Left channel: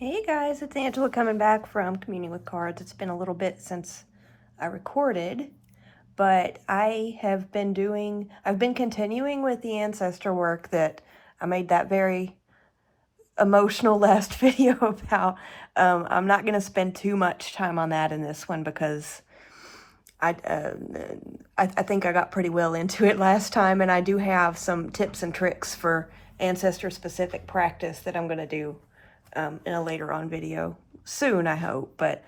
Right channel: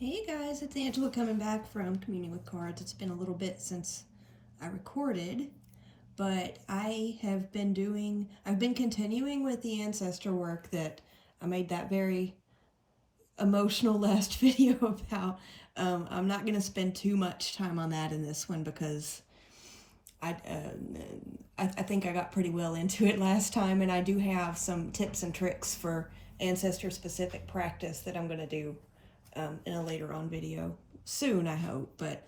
Hey guys, it's Angela coming back from Communing with Cards. It's been a little bit since I recorded, but I've been continuing with the ancestor work that I made that very emotional last video about. I'm not going to spend too much time on that in this one because I, uh, I think I got pretty well into it last time, and I do have some tips and tricks for ancestor specific practice that I'm going to do in a later on video soon, I hope. But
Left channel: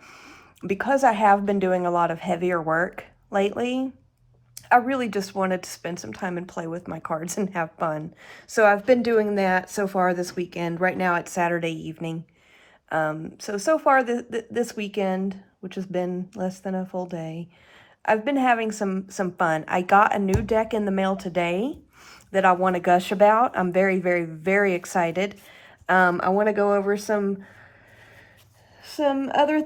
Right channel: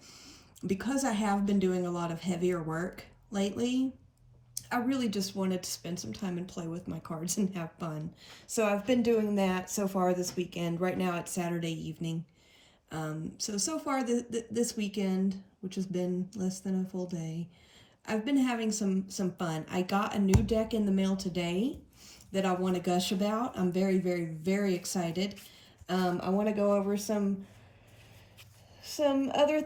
because I have been doing a lot of heavier work lately, I really just wanted to spend some time and play with my cards and have fun. So I've been doing that so far this weekend. Right now it's Saturday evening. So far this weekend, which has been less than a full day, I've been having some fun. I got a new deck in the mail today that I want to gush about. I'm very, very, very excited. I want to go over some other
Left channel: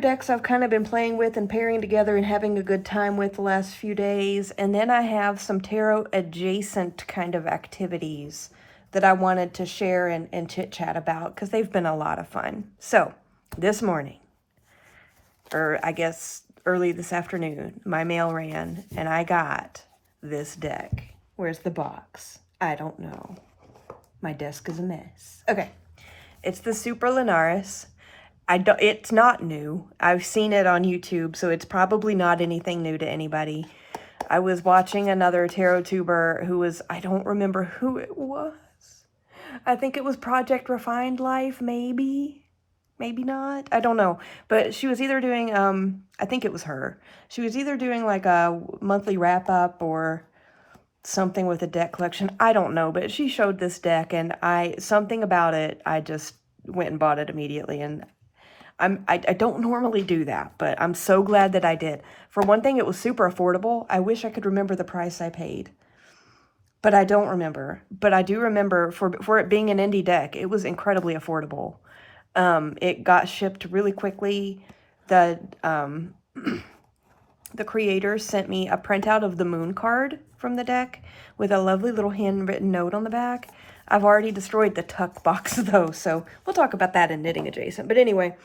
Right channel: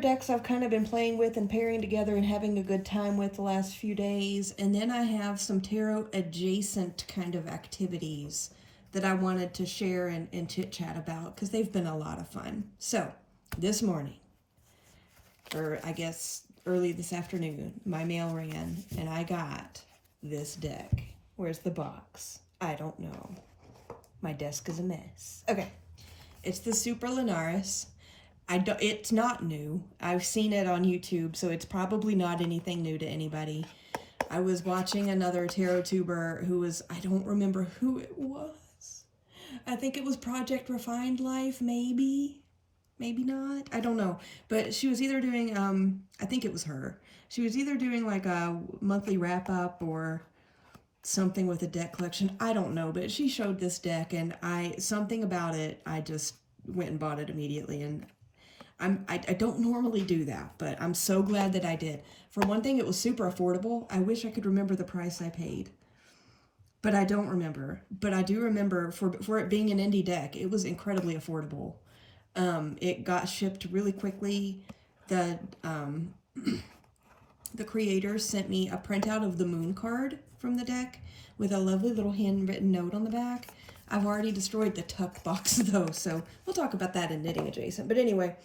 decks I've kind of been playing with and pairing together and having a good time with the last few days. And then I have some tarot adjacent kind of activities that I wanted to share and chit chat about because they've been a lot of fun. So this morning, or I guess early this afternoon, my mail ran and I got this deck. Where's the box? I don't know. My desk is a mess. Okay. It's the Super Linares. It's not new. I've seen it on YouTube, so it's probably not anything new to anybody. I was watching another tarot tuber who was, I don't remember who it was. I think it was Project Refined Life, maybe. Maybe not. I don't know. But she was either doing, I think it was her. She was either doing like a monthly wrap up or something with a deck collection. I don't know, but she showed this deck and something about it, I just went and bought it immediately. And I don't normally do that, but I'm so glad that I did. For one thing, it was super affordable. I wish I could remember the price I paid, but I don't remember. But I do remember for it being an indie deck, it was incredibly affordable. It got shipped really quickly. The creators sent me a printout of the moon card from the deck with a lovely little handwritten note on the back. I've already destroyed the tuck box though, so we'll talk about that in knitting adjacent. But anyway,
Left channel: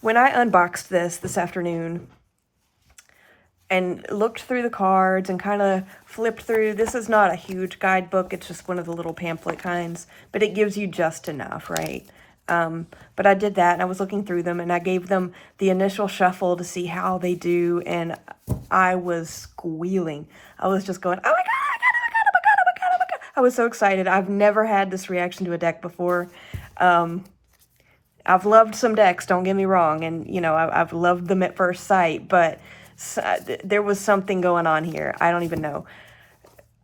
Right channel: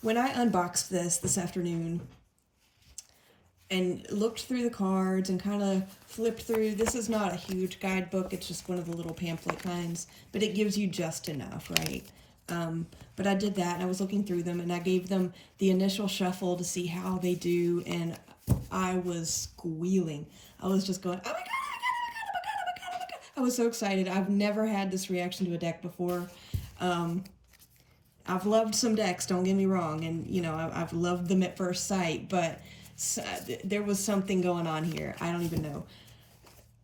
when I unboxed this afternoon and looked through the cards and kind of flipped through, this is not a huge guidebook, it's just one of the little pamphlet kinds, but it gives you just enough, right? But I did that and I was looking through them and I gave them the initial shuffle to see how they do, and I was squealing. I was just going, oh my God, oh my God, oh my God, oh my God, oh my God, oh my God. I was so excited. I've never had this reaction to a deck before. I've loved some decks, don't get me wrong, and you know, I've loved them at first sight, but there was something going on here. I don't even know.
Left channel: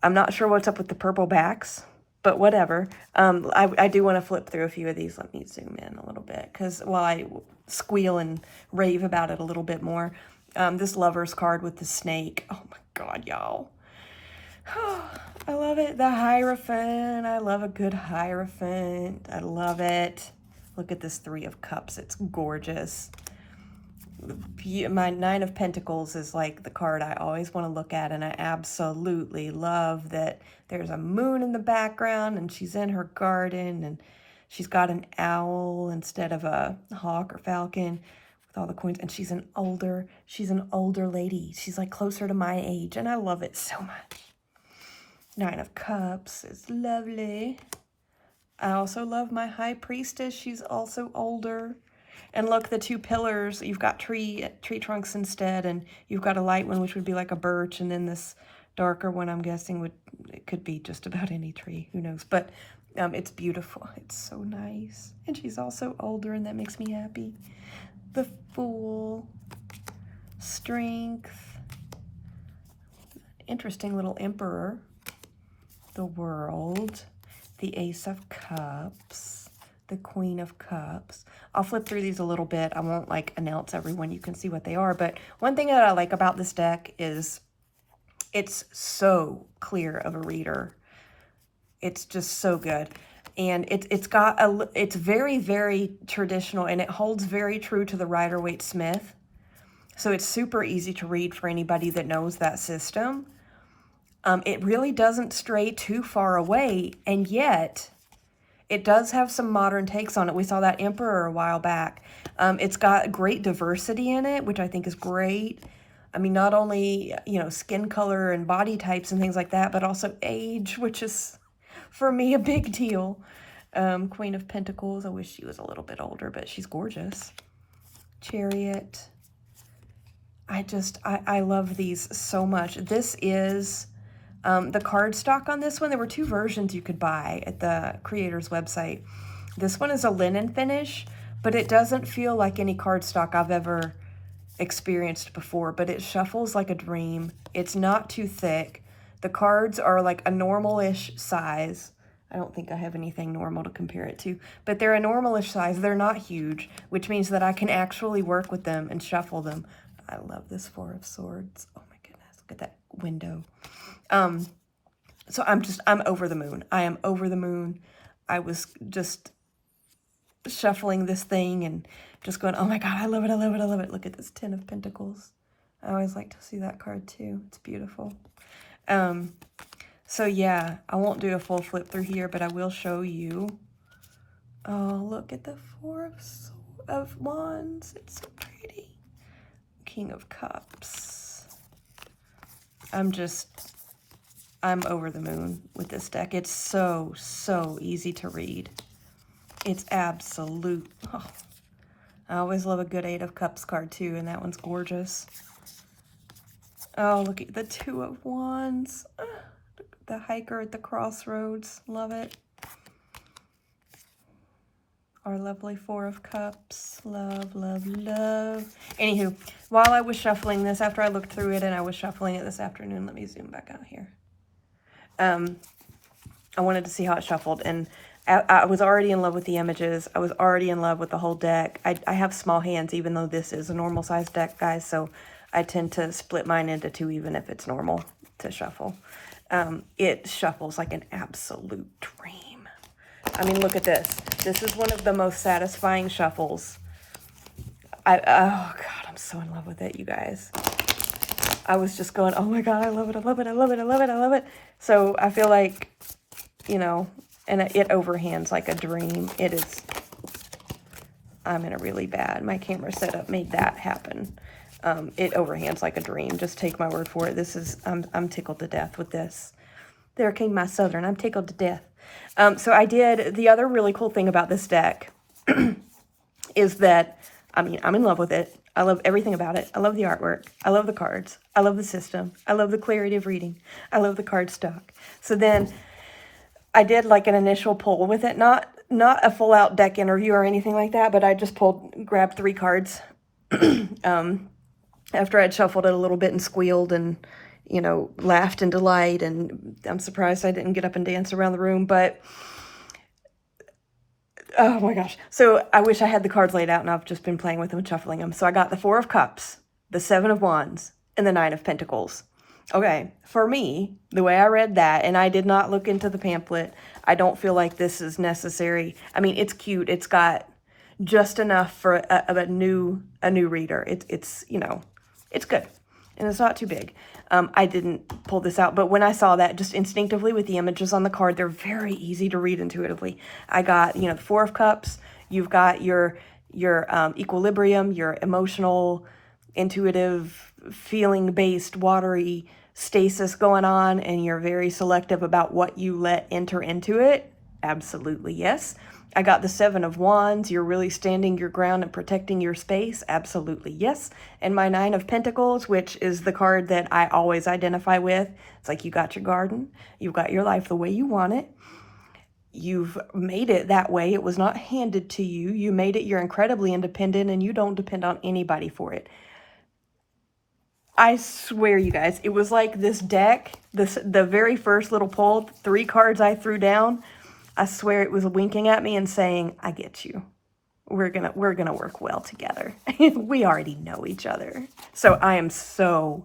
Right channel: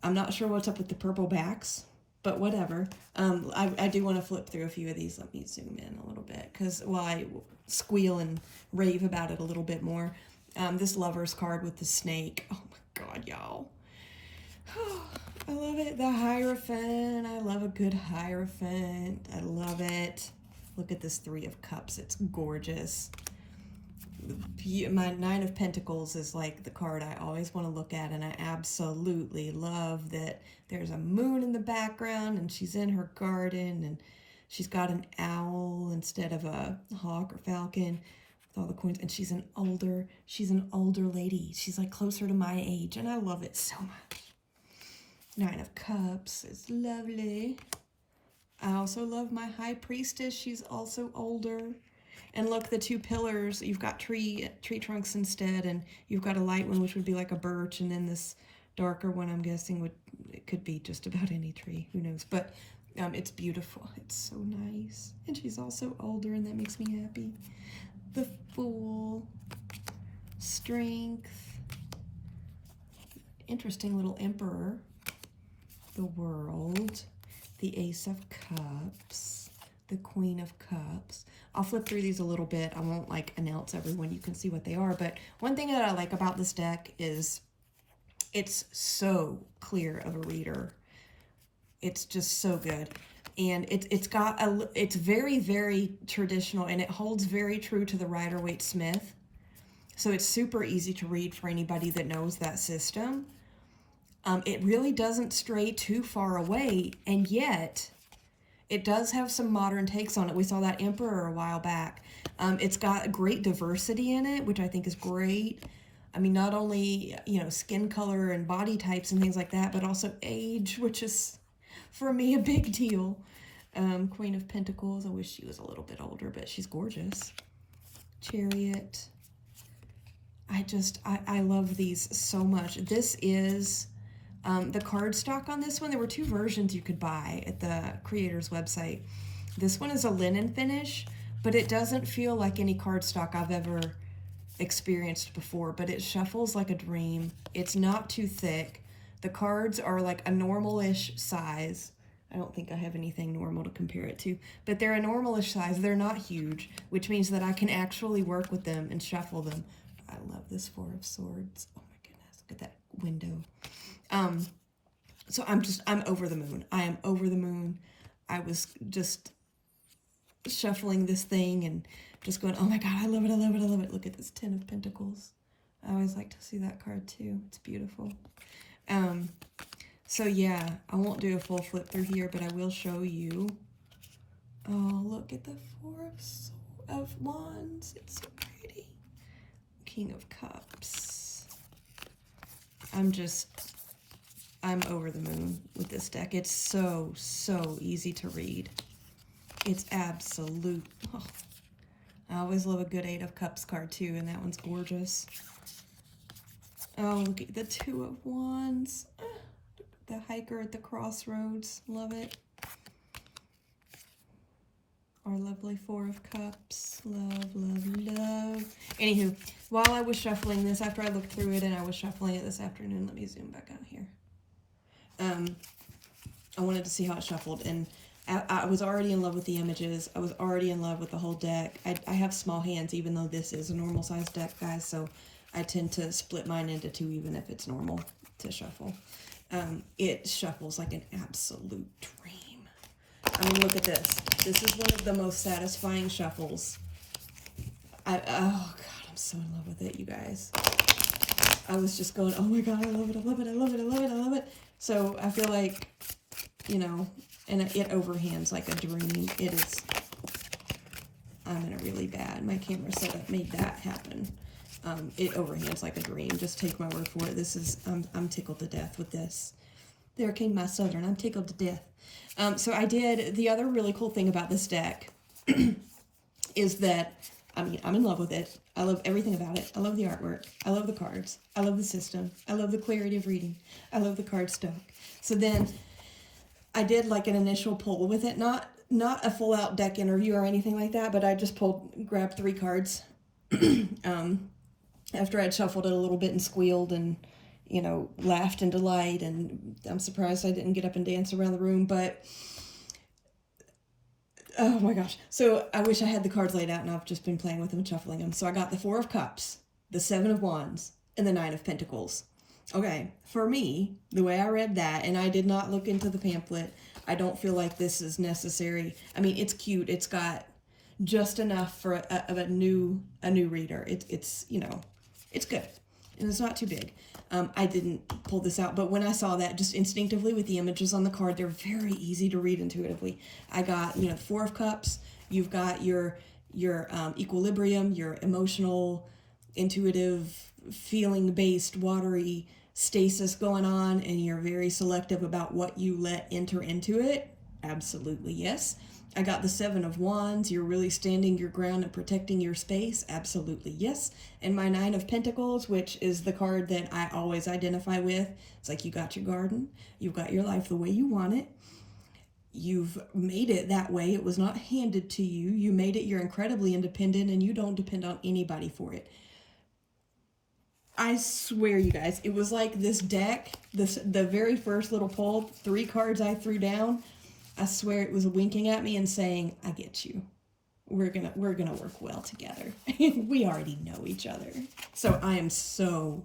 I'm not sure what's up with the purple backs, but whatever. I do want to flip through a few of these. Let me zoom in a little bit, because while I squeal and rave about it a little bit more, this Lover's card with the snake. Oh my God, y'all. I love it. The Hierophant. I love a good Hierophant. I love it. Look at this Three of Cups. It's gorgeous. My Nine of Pentacles is like the card I always want to look at, and I absolutely love that there's a moon in the background and she's in her garden and she's got an owl instead of a hawk or falcon with all the coins, and she's an older lady. She's like closer to my age, and I love it so much. Nine of Cups is lovely. I also love my High Priestess. She's also older. And look, the two pillars, you've got tree trunks instead, and you've got a light one, which would be like a birch, and then this darker one, I'm guessing, it could be just about any tree, who knows. But it's beautiful. It's so nice. And she's also older, and that makes me happy. The Fool, Strength, interesting little Emperor, the World, the Ace of Cups, the Queen of Cups. I'll flip through these a little bit. I won't like announce everyone. You can see what they are. But one thing that I like about this deck is it's so clear of a reader. It's just so good. And it's very, very traditional, and it holds very true to the Rider-Waite-Smith. So it's super easy to read for anybody that knows that system. It really doesn't stray too far away, and yet It does have some modern takes on it. We saw that Emperor a while back. It's got great diversity in it, which I think is great. I mean, not only, you know, skin color and body types and things like that, but also age, which is, for me, a big deal. Queen of Pentacles. I wish she was a little bit older, but she's gorgeous. Chariot. I love these so much. This is the cardstock on this one. There were two versions you could buy at the creator's website. This one is a linen finish, but it doesn't feel like any cardstock I've ever experienced before, but it shuffles like a dream. It's not too thick. The cards are like a normal-ish size. I don't think I have anything normal to compare it to, but they're a normal-ish size. They're not huge, which means that I can actually work with them and shuffle them. I love this Four of Swords. Oh my goodness, look at that window. So I'm over the moon. I am over the moon. I was just shuffling this thing and just going, oh my God, I love it, I love it, I love it. Look at this Ten of Pentacles. I always like to see that card too. It's beautiful. So yeah, I won't do a full flip through here, but I will show you. Oh, look at the Four of Wands. It's so pretty. King of Cups. I'm over the moon with this deck. It's so, so easy to read. It's absolute. Oh, I always love a good Eight of Cups card too, and that one's gorgeous. Oh, look at the Two of Wands. The hiker at the crossroads. Love it. Our lovely Four of Cups. Love, love, love. Anywho, while I was shuffling this, after I looked through it and I was shuffling it this afternoon, let me zoom back out here. I wanted to see how it shuffled, and I was already in love with the images. I was already in love with the whole deck. I have small hands, even though this is a normal size deck, guys, so I tend to split mine into two, even if it's normal to shuffle. It shuffles like an absolute dream. I mean, look at this. This is one of the most satisfying shuffles. Oh God, I'm so in love with it, you guys. I was just going, oh my God, I love it, I love it, I love it, I love it, I love it. So I feel like, you know, and it overhands like a dream. It is, I'm in a really bad, my camera setup made that happen. It overhands like a dream. Just take my word for it. This is, I'm tickled to death with this. There came my Southern. I'm tickled to death. So I did, the other really cool thing about this deck is that, I mean, I'm in love with it. I love everything about it. I love the artwork. I love the cards. I love the system. I love the clarity of reading. I love the card stock. So then I did like an initial pull with it, not a full out deck interview or anything like that, but I just grabbed 3 cards after I'd shuffled it a little bit and squealed and, you know, laughed in delight. And I'm surprised I didn't get up and dance around the room, but oh my gosh. So I wish I had the cards laid out, and I've just been playing with them and shuffling them. So I got the Four of Cups, the Seven of Wands, and the Nine of Pentacles. Okay, for me, the way I read that, and I did not look into the pamphlet, I don't feel like this is necessary. I mean, it's cute. It's got just enough for a new reader. It's you know, it's good, and it's not too big. I didn't pull this out, but when I saw that, just instinctively with the images on the card, they're very easy to read intuitively. I got, you know, the Four of Cups. You've got your equilibrium, your emotional, intuitive, feeling-based, watery stasis going on, and you're very selective about what you let enter into it. Absolutely, yes. I got the Seven of Wands. You're really standing your ground and protecting your space. Absolutely, yes. And my Nine of Pentacles, which is the card that I always identify with. It's like you got your garden. You've got your life the way you want it. You've made it that way. It was not handed to you. You made it. You're incredibly independent, and you don't depend on anybody for it. I swear, you guys, it was like this deck, the very first little pull, 3 cards I threw down, I swear it was winking at me and saying, I get you. We're gonna work well together. We already know each other. So I am so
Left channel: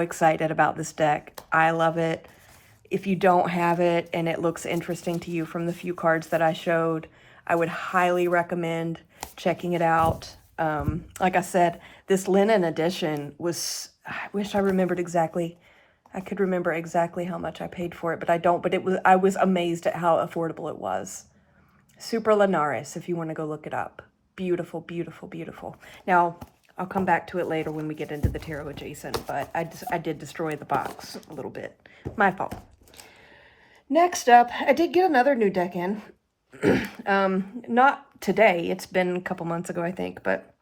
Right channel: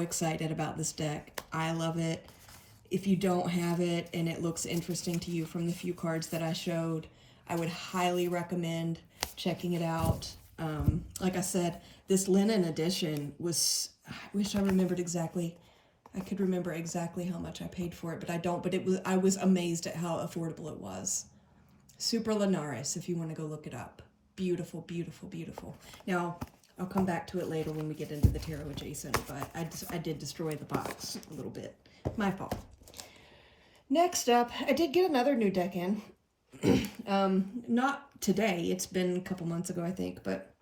excited about this deck. I love it. If you don't have it and it looks interesting to you from the few cards that I showed, I would highly recommend checking it out. Like I said, this linen edition was, I wish I remembered exactly. I could remember exactly how much I paid for it, but I don't. But I was amazed at how affordable it was. Super Linares, if you want to go look it up. Beautiful, beautiful, beautiful. Now, I'll come back to it later when we get into the tarot adjacent, but I did destroy the box a little bit. My fault. Next up, I did get another new deck in. Not today. It's been a couple months ago, I think, but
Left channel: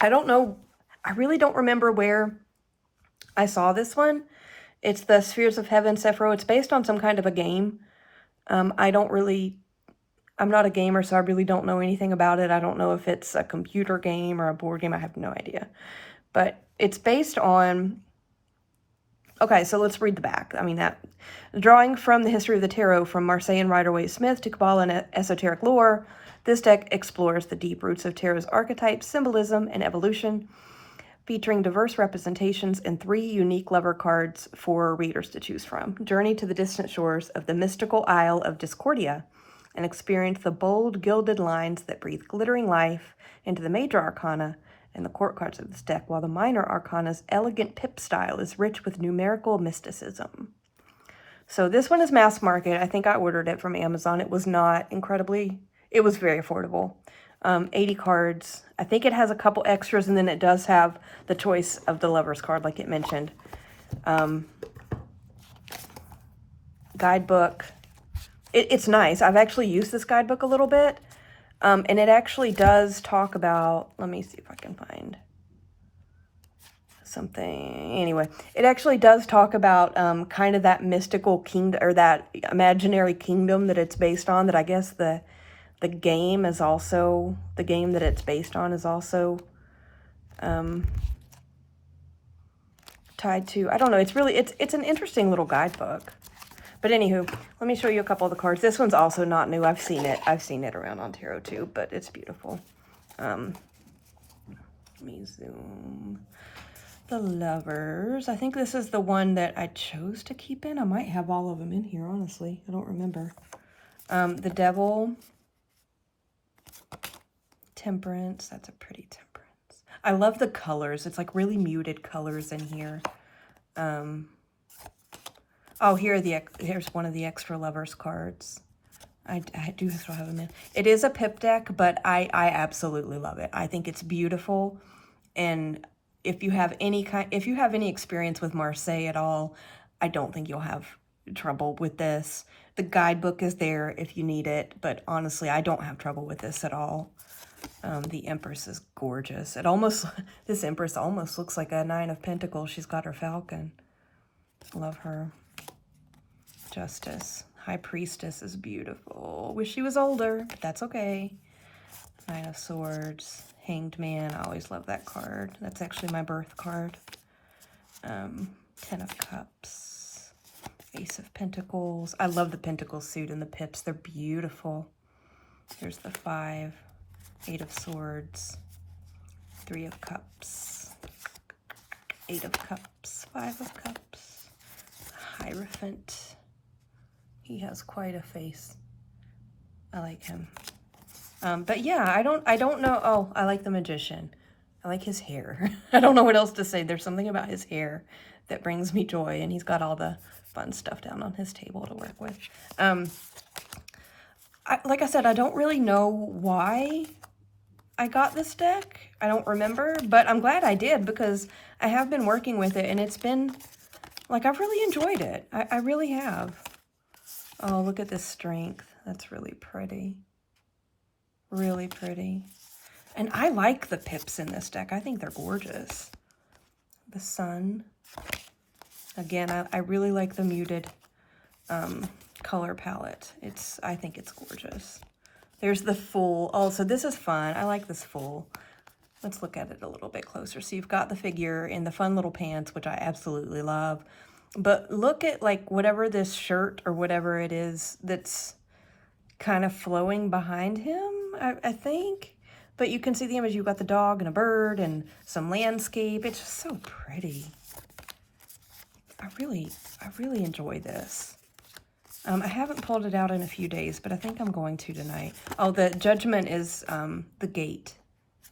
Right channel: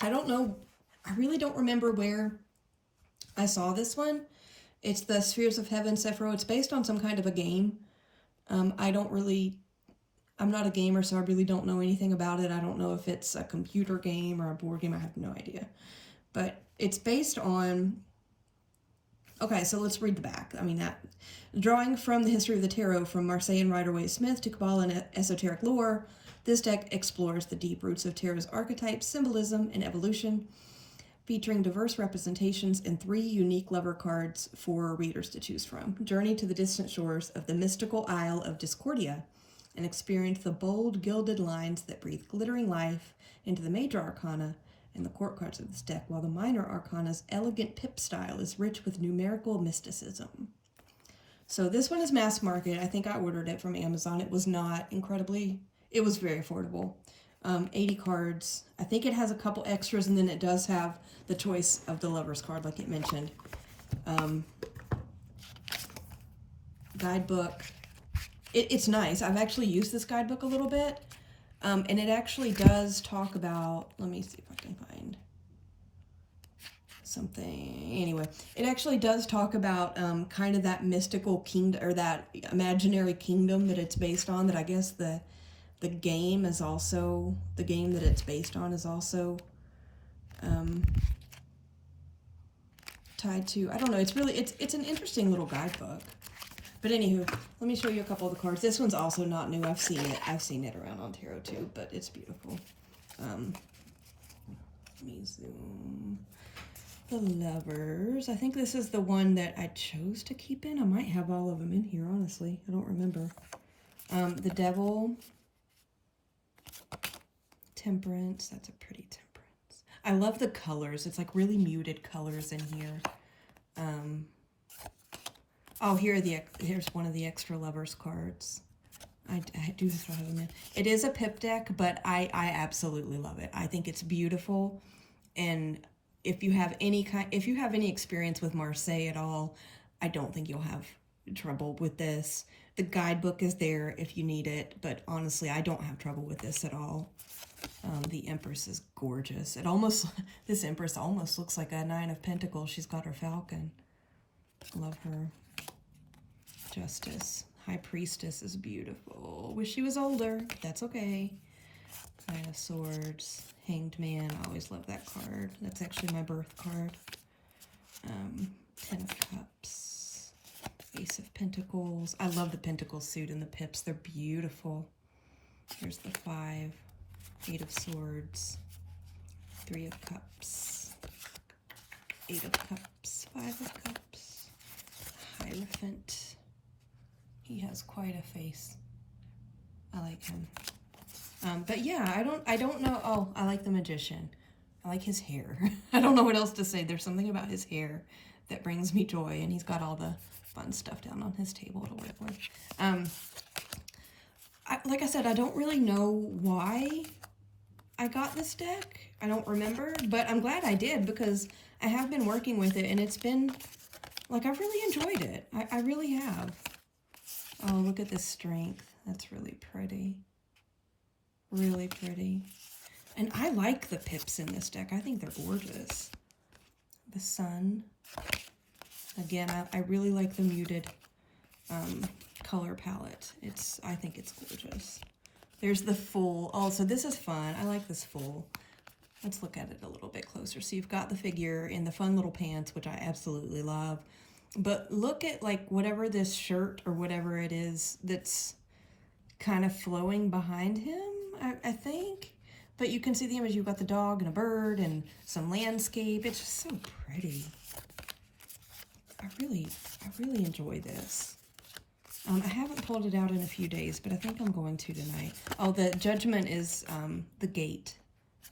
I don't know. I really don't remember where I saw this one. It's the Spheres of Heaven Sephiroth. It's based on some kind of a game. I'm not a gamer, so I really don't know anything about it. I don't know if it's a computer game or a board game. I have no idea. But it's based on... Okay, so let's read the back. Drawing from the history of the tarot, from Marseillan Rider-Waite Smith to Kabbalah and esoteric lore, this deck explores the deep roots of tarot's archetypes, symbolism, and evolution, featuring diverse representations and 3 unique lover cards for readers to choose from. Journey to the distant shores of the mystical Isle of Discordia and experience the bold, gilded lines that breathe glittering life into the major arcana and the court cards of this deck, while the minor arcana's elegant pip style is rich with numerical mysticism. So this one is mass market. I think I ordered it from Amazon. It was not incredibly... It was very affordable. 80 cards. I think it has a couple extras, and then it does have the choice of the lover's card, like it mentioned. Guidebook. It's nice. I've actually used this guidebook a little bit, and it actually does talk about... Let me see if I can find something. Anyway, it actually does talk about kind of that mystical kingdom, or that imaginary kingdom that it's based on, that I guess the game is also... The game that it's based on is also tied to... I don't know. It's really... It's an interesting little guidebook. But anywho, let me show you a couple of the cards. This one's also not new. I've seen it. I've seen it around on tarot too, but it's beautiful. Let me zoom. The Lovers. I think this is the one that I chose to keep in. I might have all of them in here, honestly. I don't remember. The Devil. Temperance. That's a pretty Temperance. I love the colors. It's like really muted colors in here. Oh, here's one of the extra Lovers cards. I do still have them in. It is a pip deck, but I absolutely love it. I think it's beautiful. And if you have any experience with Marseille at all, I don't think you'll have trouble with this. The guidebook is there if you need it, but honestly, I don't have trouble with this at all. The Empress is gorgeous. This Empress almost looks like a 9 of Pentacles. She's got her falcon. Love her. Justice. High Priestess is beautiful. Wish she was older. That's okay. 9 of Swords. Hanged Man. I always love that card. That's actually my birth card. 10 of Cups. Ace of Pentacles. I love the Pentacle suit and the pips. They're beautiful. There's the 5. 8 of Swords. 3 of Cups. 8 of Cups. 5 of Cups. Hierophant. He has quite a face. I like him. But yeah, I don't know. Oh, I like the Magician. I like his hair. I don't know what else to say. There's something about his hair that brings me joy, and he's got all the fun stuff down on his table to work with. Like I said, I don't really know why I got this deck. I don't remember, but I'm glad I did, because I have been working with it, and it's been, like, I've really enjoyed it. I really have. Oh, look at this Strength. That's really pretty. Really pretty. And I like the pips in this deck. I think they're gorgeous. The Sun. Again, I really like the muted color palette. I think it's gorgeous. There's the Fool. Oh, so this is fun. I like this Fool. Let's look at it a little bit closer. So you've got the figure in the fun little pants, which I absolutely love. But look at, like, whatever this shirt or whatever it is that's kind of flowing behind him, I think. But you can see the image. You've got the dog and a bird and some landscape. It's just so pretty. I really enjoy this. I haven't pulled it out in a few days, but I think I'm going to tonight. Oh, the Judgment is the Gate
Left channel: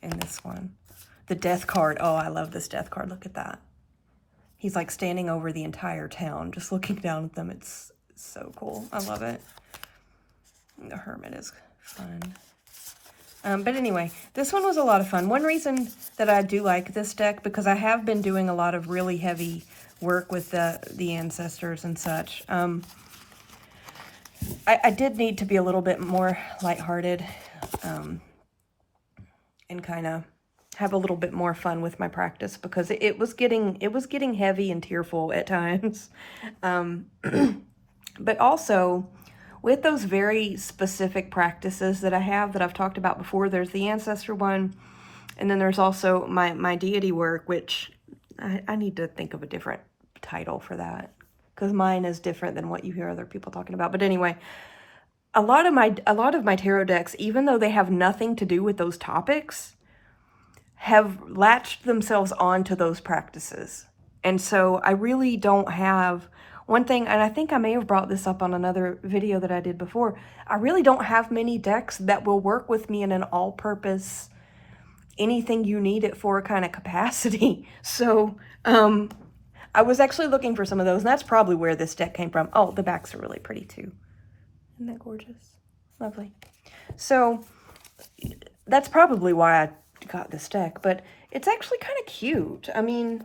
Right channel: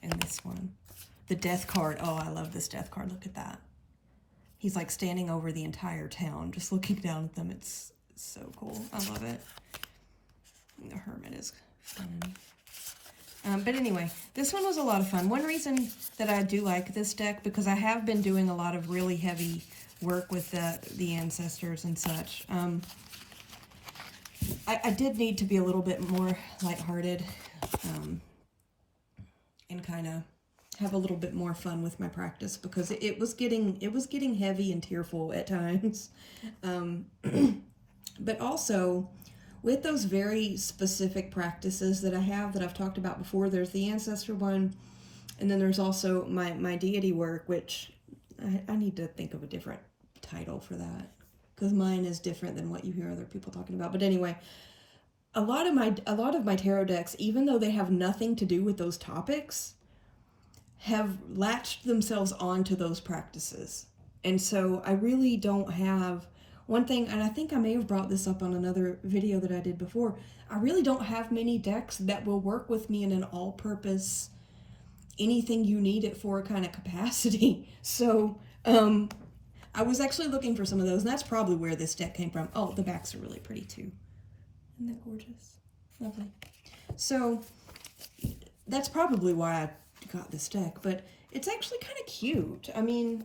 in this one. The Death card. Oh, I love this Death card. Look at that. He's like standing over the entire town, just looking down at them. It's so cool. I love it. The Hermit is fun. But anyway, this one was a lot of fun. One reason that I do like this deck, because I have been doing a lot of really heavy work with the ancestors and such. I did need to be a little bit more lighthearted and kind of have a little bit more fun with my practice, because it was getting heavy and tearful at times. But also, with those very specific practices that I have, that I've talked about before, there's the ancestor one, and then there's also my deity work, which I need to think of a different title for that, because mine is different than what you hear other people talking about. But anyway, a lot of my tarot decks, even though they have nothing to do with those topics, have latched themselves onto those practices. And so I really don't have one thing, and I think I may have brought this up on another video that I did before. I really don't have many decks that will work with me in an all-purpose, anything you need it for kind of capacity. So I was actually looking for some of those, and that's probably where this deck came from. Oh, the backs are really pretty too. Isn't that gorgeous? Lovely. So that's probably why I got this deck, but it's actually kind of cute. I mean,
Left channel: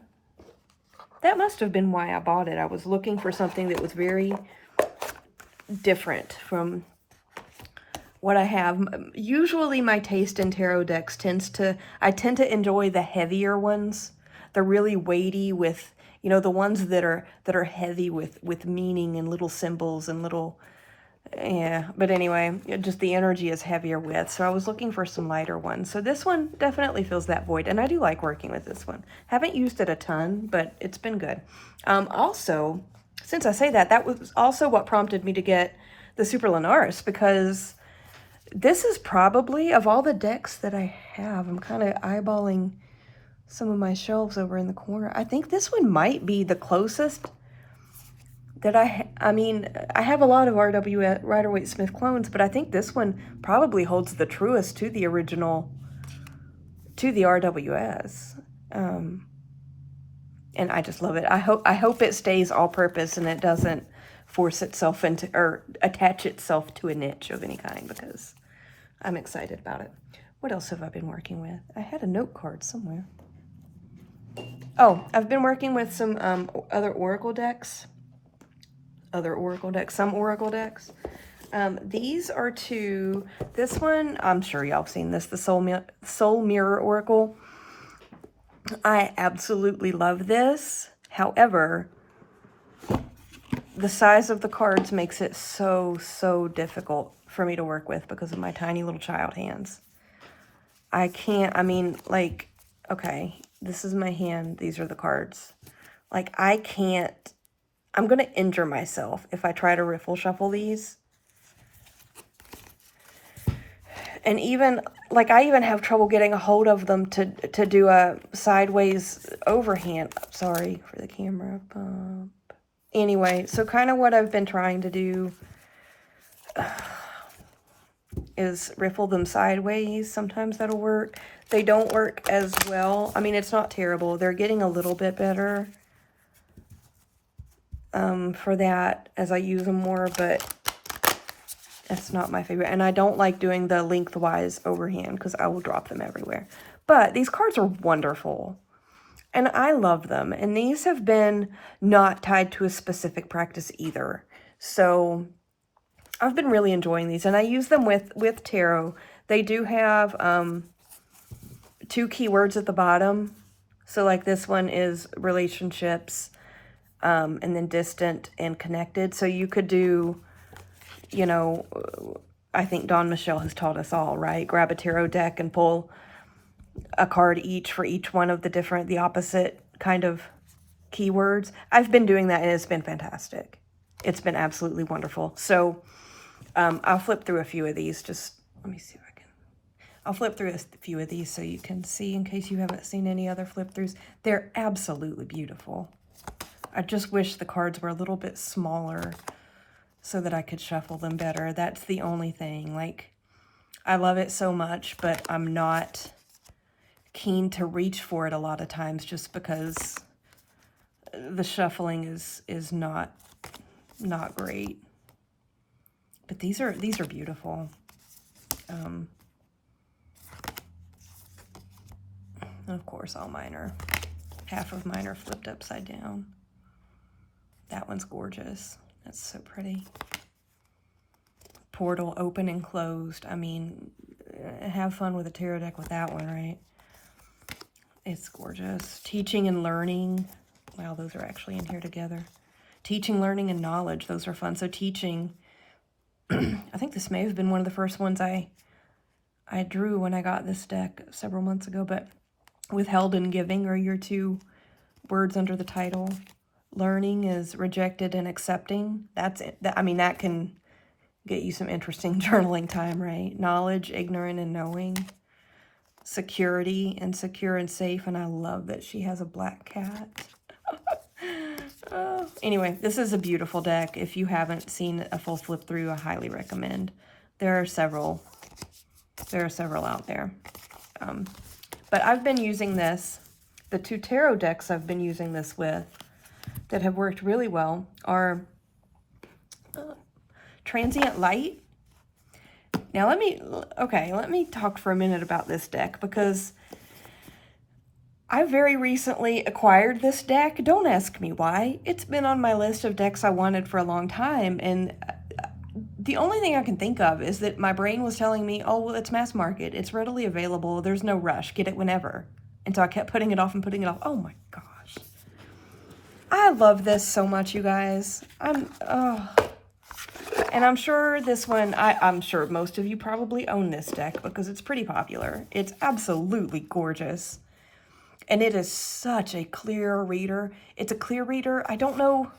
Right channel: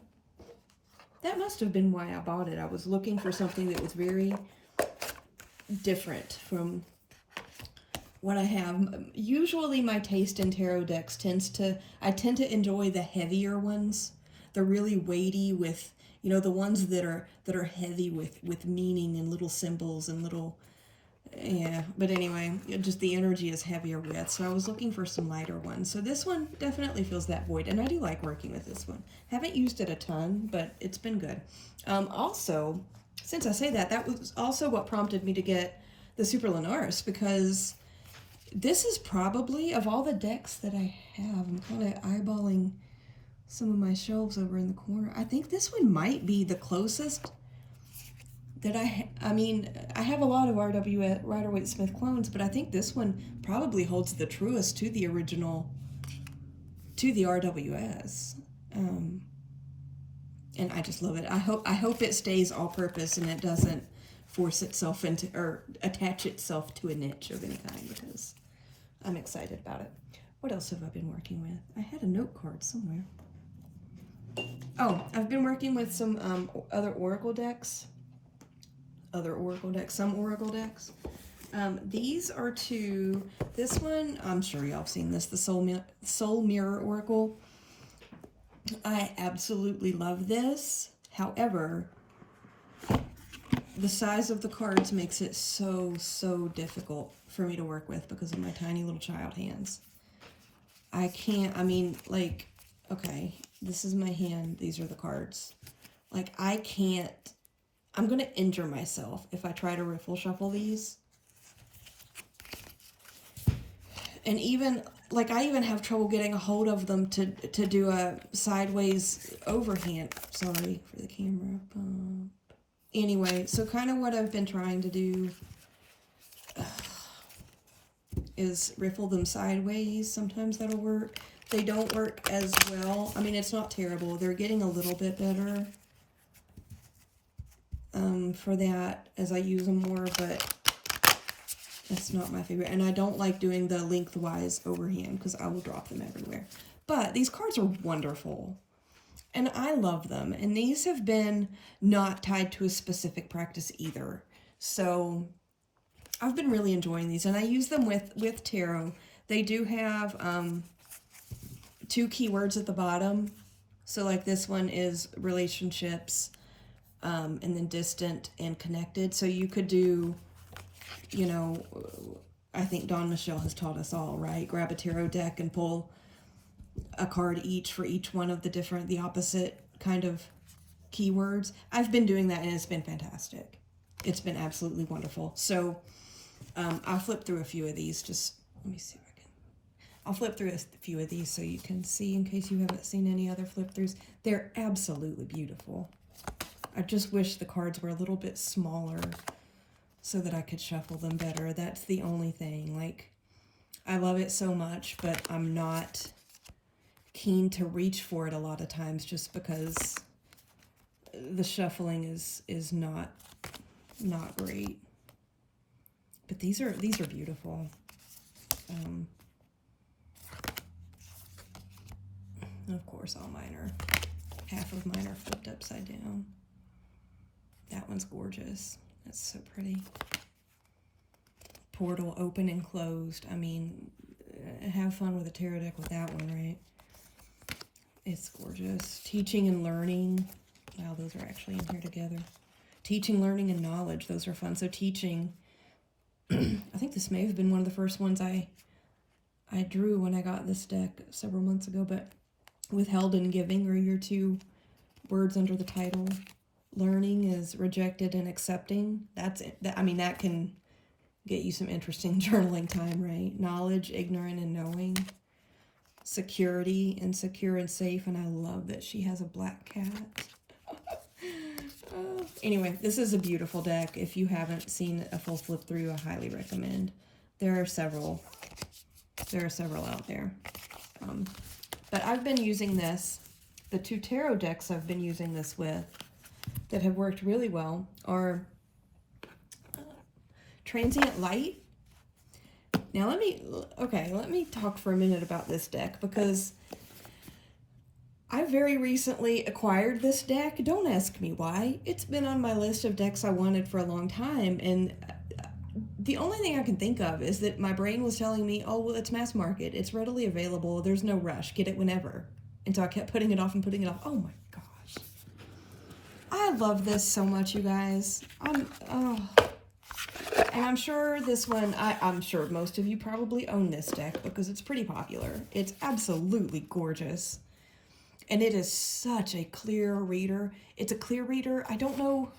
that must have been why I bought it. I was looking for something that was very different from what I have. Usually my taste in tarot decks I tend to enjoy the heavier ones. The really weighty with, you know, the ones that are heavy with meaning and little symbols and little, yeah. But anyway, just the energy is heavier with. So I was looking for some lighter ones. So this one definitely fills that void, and I do like working with this one. Haven't used it a ton, but it's been good. Also, since I say that, that was also what prompted me to get the Super Lenaris, because this is probably, of all the decks that I have, I'm kind of eyeballing some of my shelves over in the corner. I think this one might be the closest that I mean, I have a lot of RW Rider-Waite-Smith clones, but I think this one probably holds the truest to the original, to the RWS. And I just love it. I hope it stays all-purpose and it doesn't force itself into, or attach itself to a niche of any kind, because I'm excited about it. What else have I been working with? I had a note card somewhere. Oh, I've been working with some other Oracle decks. Some Oracle decks. These are two. This one, I'm sure y'all have seen this, the Soul Mirror Oracle. I absolutely love this. However, the size of the cards makes it so difficult for me to work with because of my tiny little child hands. I can't, I mean, like, okay, this is my hand. These are the cards. Like, I can't, I'm going to injure myself if I try to riffle shuffle these. And even, like, I even have trouble getting a hold of them to do a sideways overhand. Sorry for the camera bump. Anyway, so kind of what I've been trying to do is riffle them sideways. Sometimes that'll work. They don't work as well. I mean, it's not terrible. They're getting a little bit better for that as I use them more, but it's not my favorite. And I don't like doing the lengthwise overhand because I will drop them everywhere. But these cards are wonderful. And I love them. And these have been not tied to a specific practice either. So I've been really enjoying these. And I use them with tarot. They do have 2 keywords at the bottom. So like this one is relationships, and then distant and connected. So you could do, you know, I think Dawn Michelle has taught us all, right? Grab a tarot deck and pull a card each for each one of the opposite kind of keywords. I've been doing that and it's been fantastic. It's been absolutely wonderful. So I'll flip through a few of these. Just let me see if I can. I'll flip through a few of these so you can see in case you haven't seen any other flip throughs. They're absolutely beautiful. I just wish the cards were a little bit smaller so that I could shuffle them better. That's the only thing. Like, I love it so much, but I'm not keen to reach for it a lot of times just because the shuffling is not great. But these are beautiful. Of course, all mine are, half of mine are flipped upside down. That one's gorgeous. That's so pretty. Portal open and closed. I mean, have fun with a tarot deck with that one, right? It's gorgeous. Teaching and learning. Wow, those are actually in here together. Teaching, learning, and knowledge. Those are fun. So teaching, I think this may have been one of the first ones I drew when I got this deck several months ago, but withheld and giving are your two words under the title. Learning is rejected and accepting. That's it. I mean, that can get you some interesting journaling time, right? Knowledge, ignorant, and knowing. Security, insecure, and safe. And I love that she has a black cat. Anyway, this is a beautiful deck. If you haven't seen a full flip through, I highly recommend. There are several out there. But I've been using this. The two tarot decks I've been using this with that have worked really well are Transient Light. Now let me talk for a minute about this deck, because I very recently acquired this deck. Don't ask me why. It's been on my list of decks I wanted for a long time, and the only thing I can think of is that my brain was telling me, oh, well, it's mass market. It's readily available. There's no rush. Get it whenever. And so I kept putting it off and putting it off. Oh my gosh. I love this so much, you guys. And I'm sure this one, I'm sure most of you probably own this deck because it's pretty popular. It's absolutely gorgeous. And it is such a clear reader. It's a clear reader. I don't know.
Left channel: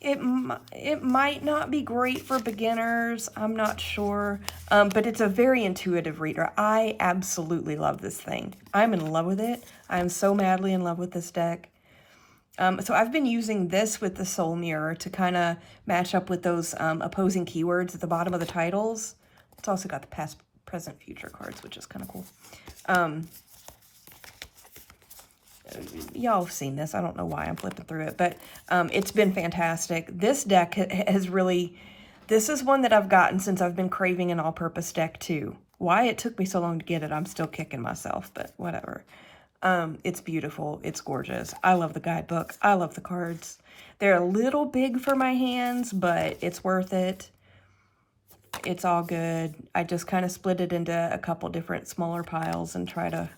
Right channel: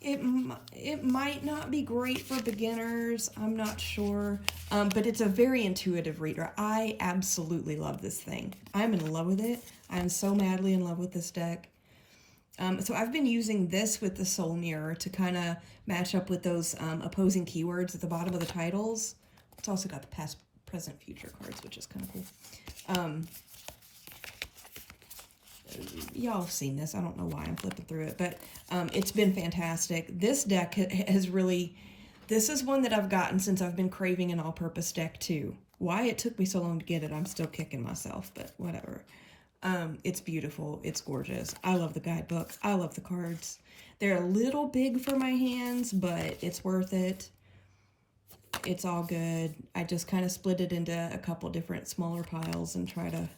It might not be great for beginners. I'm not sure. But it's a very intuitive reader. I absolutely love this thing. I'm in love with it. I'm so madly in love with this deck. So I've been using this with the Soul Mirror to kind of match up with those opposing keywords at the bottom of the titles. It's also got the past, present, future cards, which is kind of cool. Y'all have seen this. I don't know why I'm flipping through it, but it's been fantastic. This deck has really, this is one that I've gotten since I've been craving an all-purpose deck too. Why it took me so long to get it, I'm still kicking myself, but whatever. It's beautiful. It's gorgeous. I love the guidebook. I love the cards. They're a little big for my hands, but it's worth it. It's all good. I just kind of split it into a couple different smaller piles and try to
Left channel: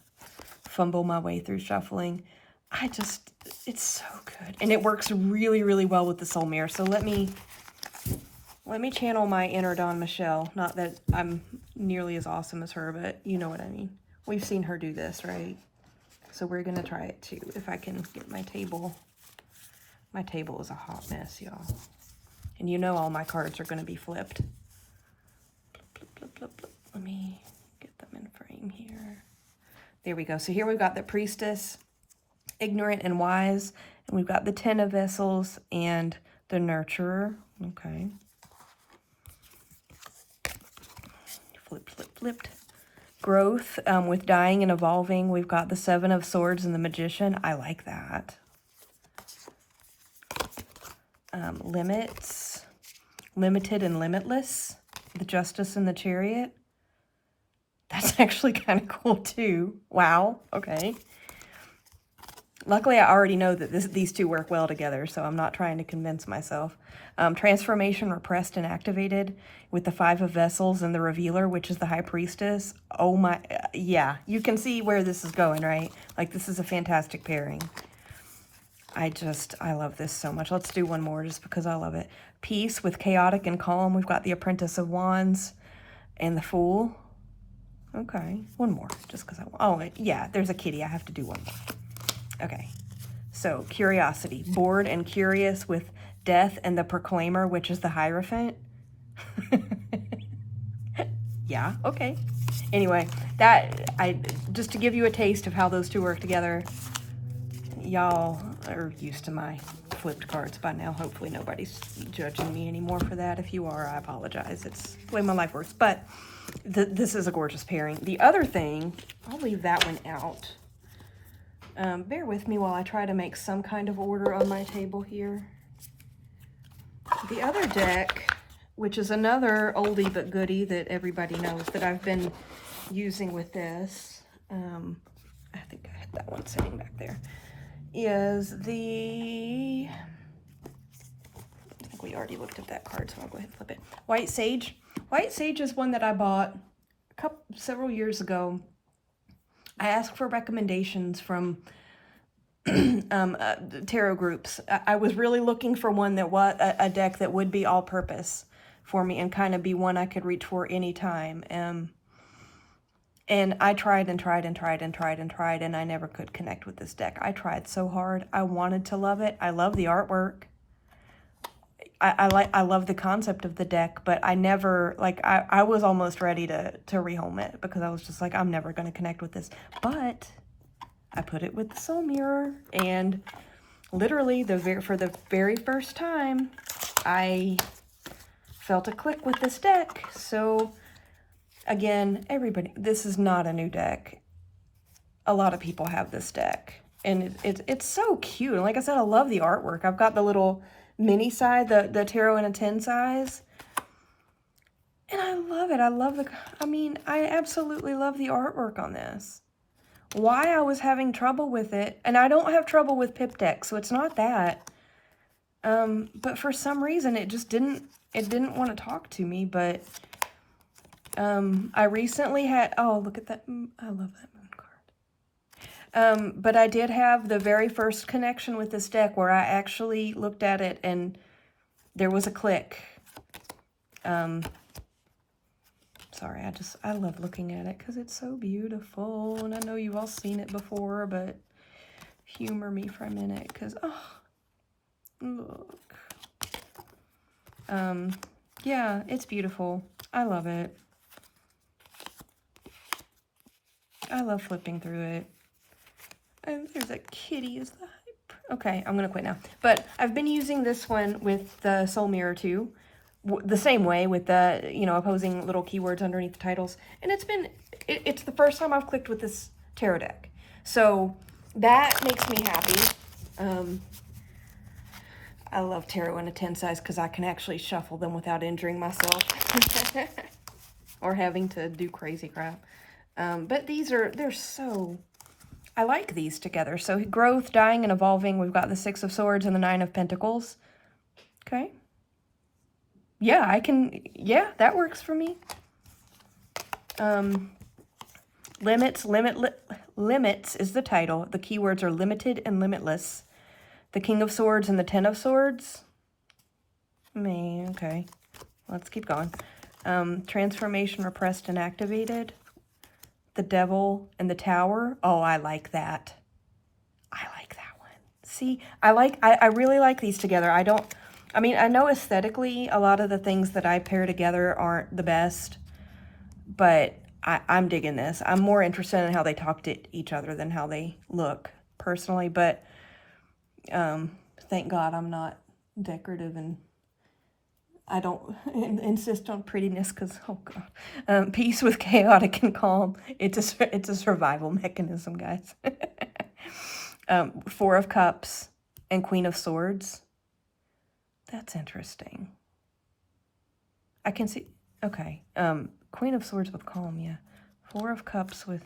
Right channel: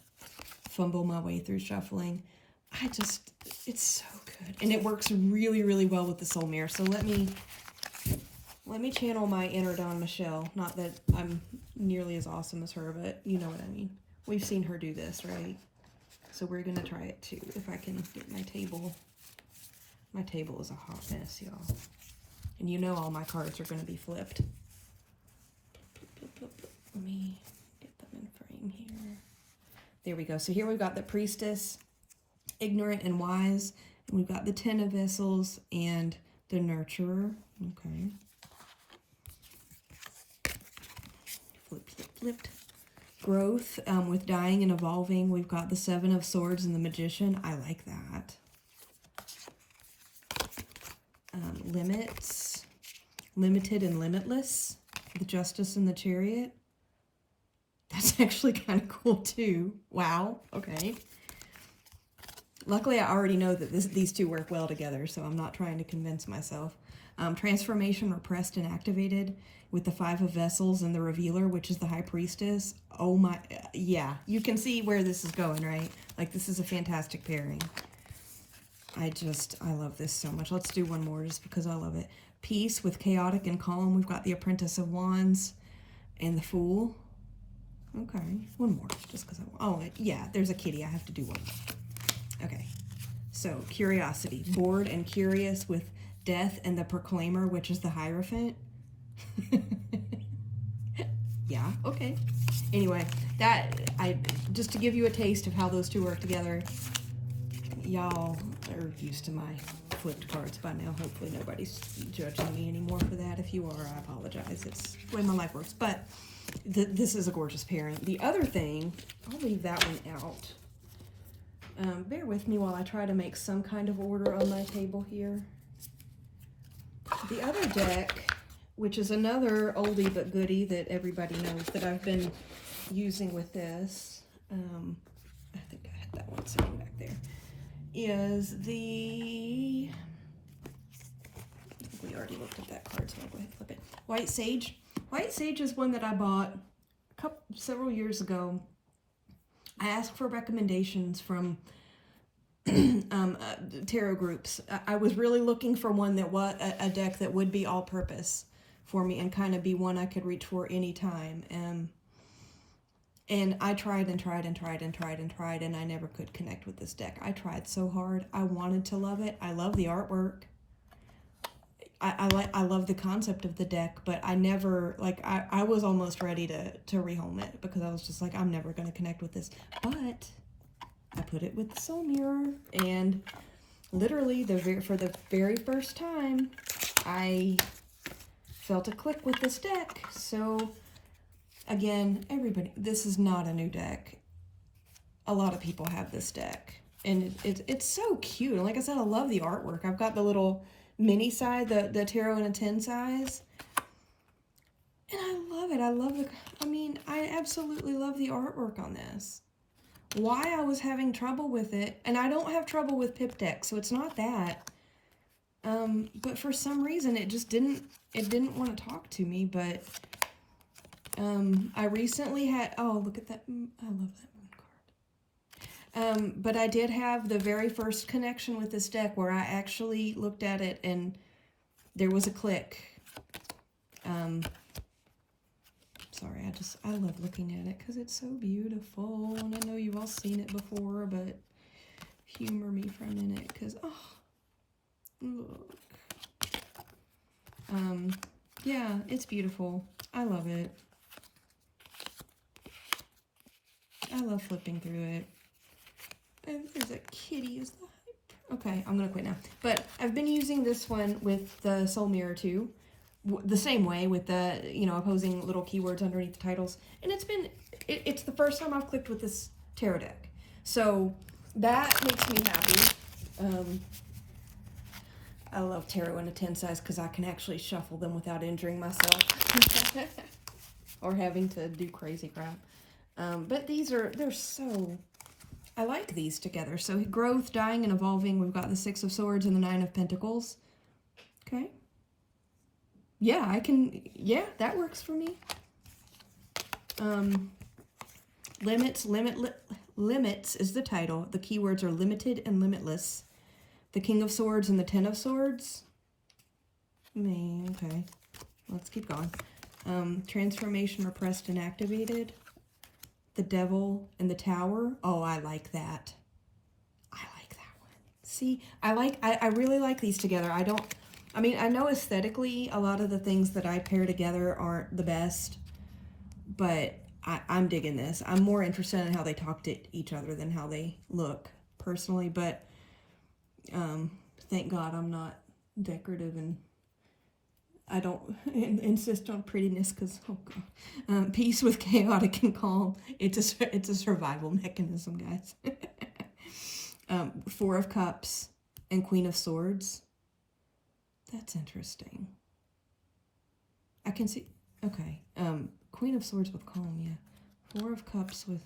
fumble my way through shuffling. It's so good. And it works really, really well with the Soul Mirror. So let me channel my inner Dawn Michelle. Not that I'm nearly as awesome as her, but you know what I mean. We've seen her do this, right? So we're going to try it too. If I can get my table. My table is a hot mess, y'all. And you know all my cards are going to be flipped. Let me get them in frame here. There we go. So here we've got the Priestess, Ignorant and Wise. And we've got the Ten of Vessels and the Nurturer. Okay. Flipped. Growth with dying and evolving. We've got the Seven of Swords and the Magician. I like that. Limits. Limited and Limitless. The Justice and the Chariot. That's actually kind of cool too. Wow. Okay. Luckily, I already know that these two work well together, so I'm not trying to convince myself. Transformation, Repressed and Activated, with the Five of Vessels and the Revealer, which is the High Priestess. Oh my, yeah, you can see where this is going, right? Like, this is a fantastic pairing. I love this so much. Let's do one more just because I love it. Peace with Chaotic and Calm. We've got the Apprentice of Wands and the Fool. Okay, one more just because oh, yeah, there's a kitty. I have to do one more. Okay, so Curiosity. Bored and Curious with Death and the Proclaimer, which is the Hierophant. Yeah, okay. Anyway, just to give you a taste of how those two work together. Y'all are used to my flipped cards by now. Hopefully nobody's judging me anymore for that. If you are, I apologize. It's the way my life works. But this is a gorgeous pairing. The other thing, I'll leave that one out. Bear with me while I try to make some kind of order on my table here. The other deck which is another oldie but goodie that everybody knows that I've been using with this. I think I had that one sitting back there. Is the, I think we already looked at that card, so I'll go ahead and flip it. White Sage. White Sage is one that I bought several years ago. I asked for recommendations from tarot groups. I was really looking for one that was a deck that would be all-purpose for me and kind of be one I could reach for anytime. And I tried and tried and tried and tried and tried, and I never could connect with this deck. I tried so hard. I wanted to love it. I love the artwork. I love the concept of the deck, but I never, like, I was almost ready to rehome it because I was just like, I'm never going to connect with this. But I put it with the Soul Mirror, and literally for the very first time, I felt a click with this deck. So again, everybody, this is not a new deck. A lot of people have this deck, and it's so cute. And like I said, I love the artwork. I've got the little mini size, the tarot in a 10 size, and I love it. I absolutely love the artwork on this. Why I was having trouble with it, and I don't have trouble with pip decks, so it's not that. But for some reason, it didn't want to talk to me. But I recently had, oh, look at that. I love that moon card. But I did have the very first connection with this deck where I actually looked at it and there was a click. Sorry, I love looking at it because it's so beautiful. And I know you've all seen it before, but humor me for a minute because, oh, look. Yeah, it's beautiful. I love it. I love flipping through it. And there's a kitty. Is the hype? Okay, I'm going to quit now. But I've been using this one with the Soul Mirror too. The same way with the, opposing little keywords underneath the titles. And it's the first time I've clicked with this tarot deck. So that makes me happy. I love tarot in a 10 size because I can actually shuffle them without injuring myself. Or having to do crazy crap. But they're so, I like these together. So growth, dying, and evolving. We've got the 6 of Swords and the 9 of Pentacles. Okay. Yeah, that works for me. Limits is the title. The keywords are limited and limitless. The King of Swords and the 10 of Swords. Okay. Let's keep going. Transformation, repressed and activated. The Devil and the Tower. Oh, I like that. I like that one. See, I really like these together. I know aesthetically, a lot of the things that I pair together aren't the best, but I'm digging this. I'm more interested in how they talk to each other than how they look, personally, but thank God I'm not decorative and I don't insist on prettiness because, oh God. Peace with chaotic and calm. It's a survival mechanism, guys. 4 of Cups and Queen of Swords. That's interesting. I can see, okay. Queen of Swords with calm, yeah. 4 of Cups with,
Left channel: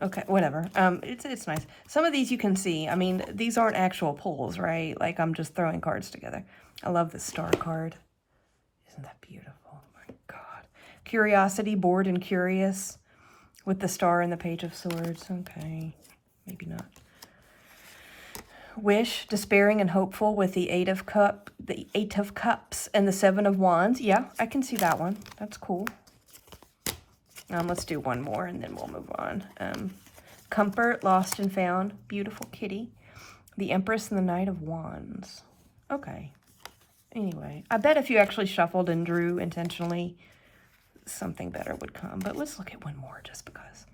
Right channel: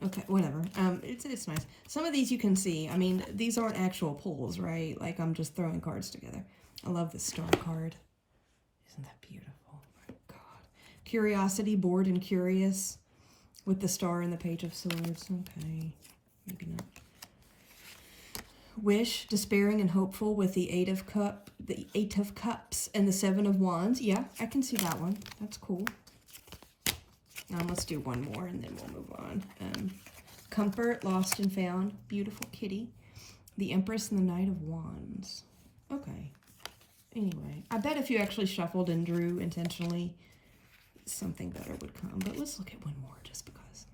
okay, whatever. It's nice. Some of these you can see. I mean, these aren't actual pulls, right? Like, I'm just throwing cards together. I love the star card. Isn't that beautiful? Oh my God. Curiosity, bored and curious with the star and the Page of Swords. Okay, maybe not. Wish, despairing and hopeful with the 8 of Cups and the 7 of Wands. Yeah, I can see that one. That's cool. Let's do one more and then we'll move on. Comfort, lost and found. Beautiful kitty. The Empress and the Knight of Wands. Okay. Anyway, I bet if you actually shuffled and drew intentionally, something better would come. But let's look at one more just because.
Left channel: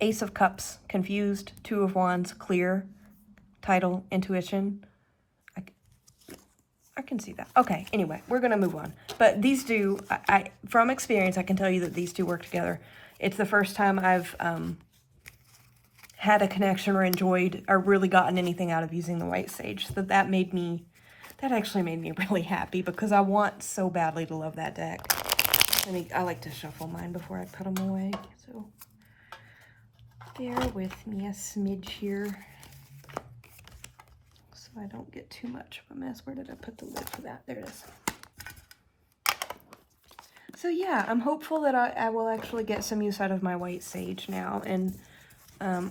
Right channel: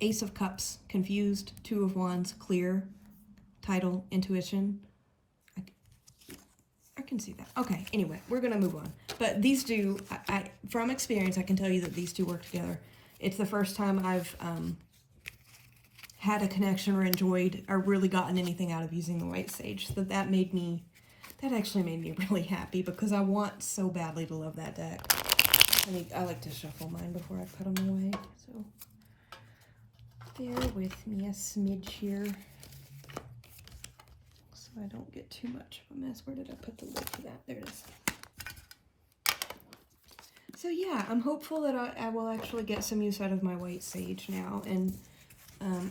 Ace of Cups, confused. 2 of Wands, clear. Title, intuition. I can see that. Okay, anyway, we're going to move on. But these do, from experience, I can tell you that these two work together. It's the first time I've had a connection or enjoyed or really gotten anything out of using the White Sage. So that made me That actually made me really happy because I want so badly to love that deck. I like to shuffle mine before I put them away, so bear with me a smidge here so I don't get too much of a mess. Where did I put the lid for that? There it is. So yeah, I'm hopeful that I will actually get some use out of my white sage now, and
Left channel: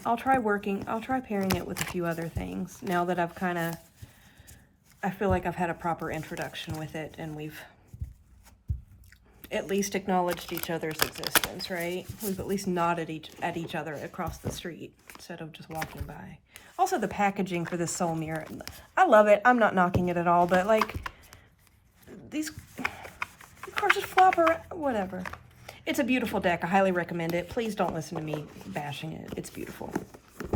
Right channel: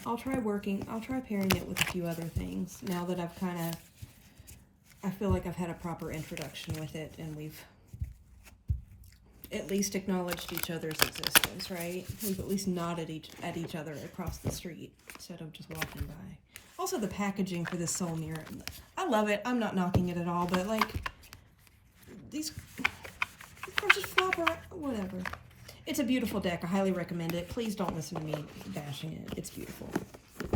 I'll try pairing it with a few other things now that I feel like I've had a proper introduction with it, and we've at least acknowledged each other's existence, right? We've at least nodded at each other across the street instead of just walking by. Also, the packaging for the Soul Mirror, I love it. I'm not knocking it at all, but like these cards just flop around, whatever. It's a beautiful deck. I highly recommend it. Please don't listen to me bashing it. It's beautiful.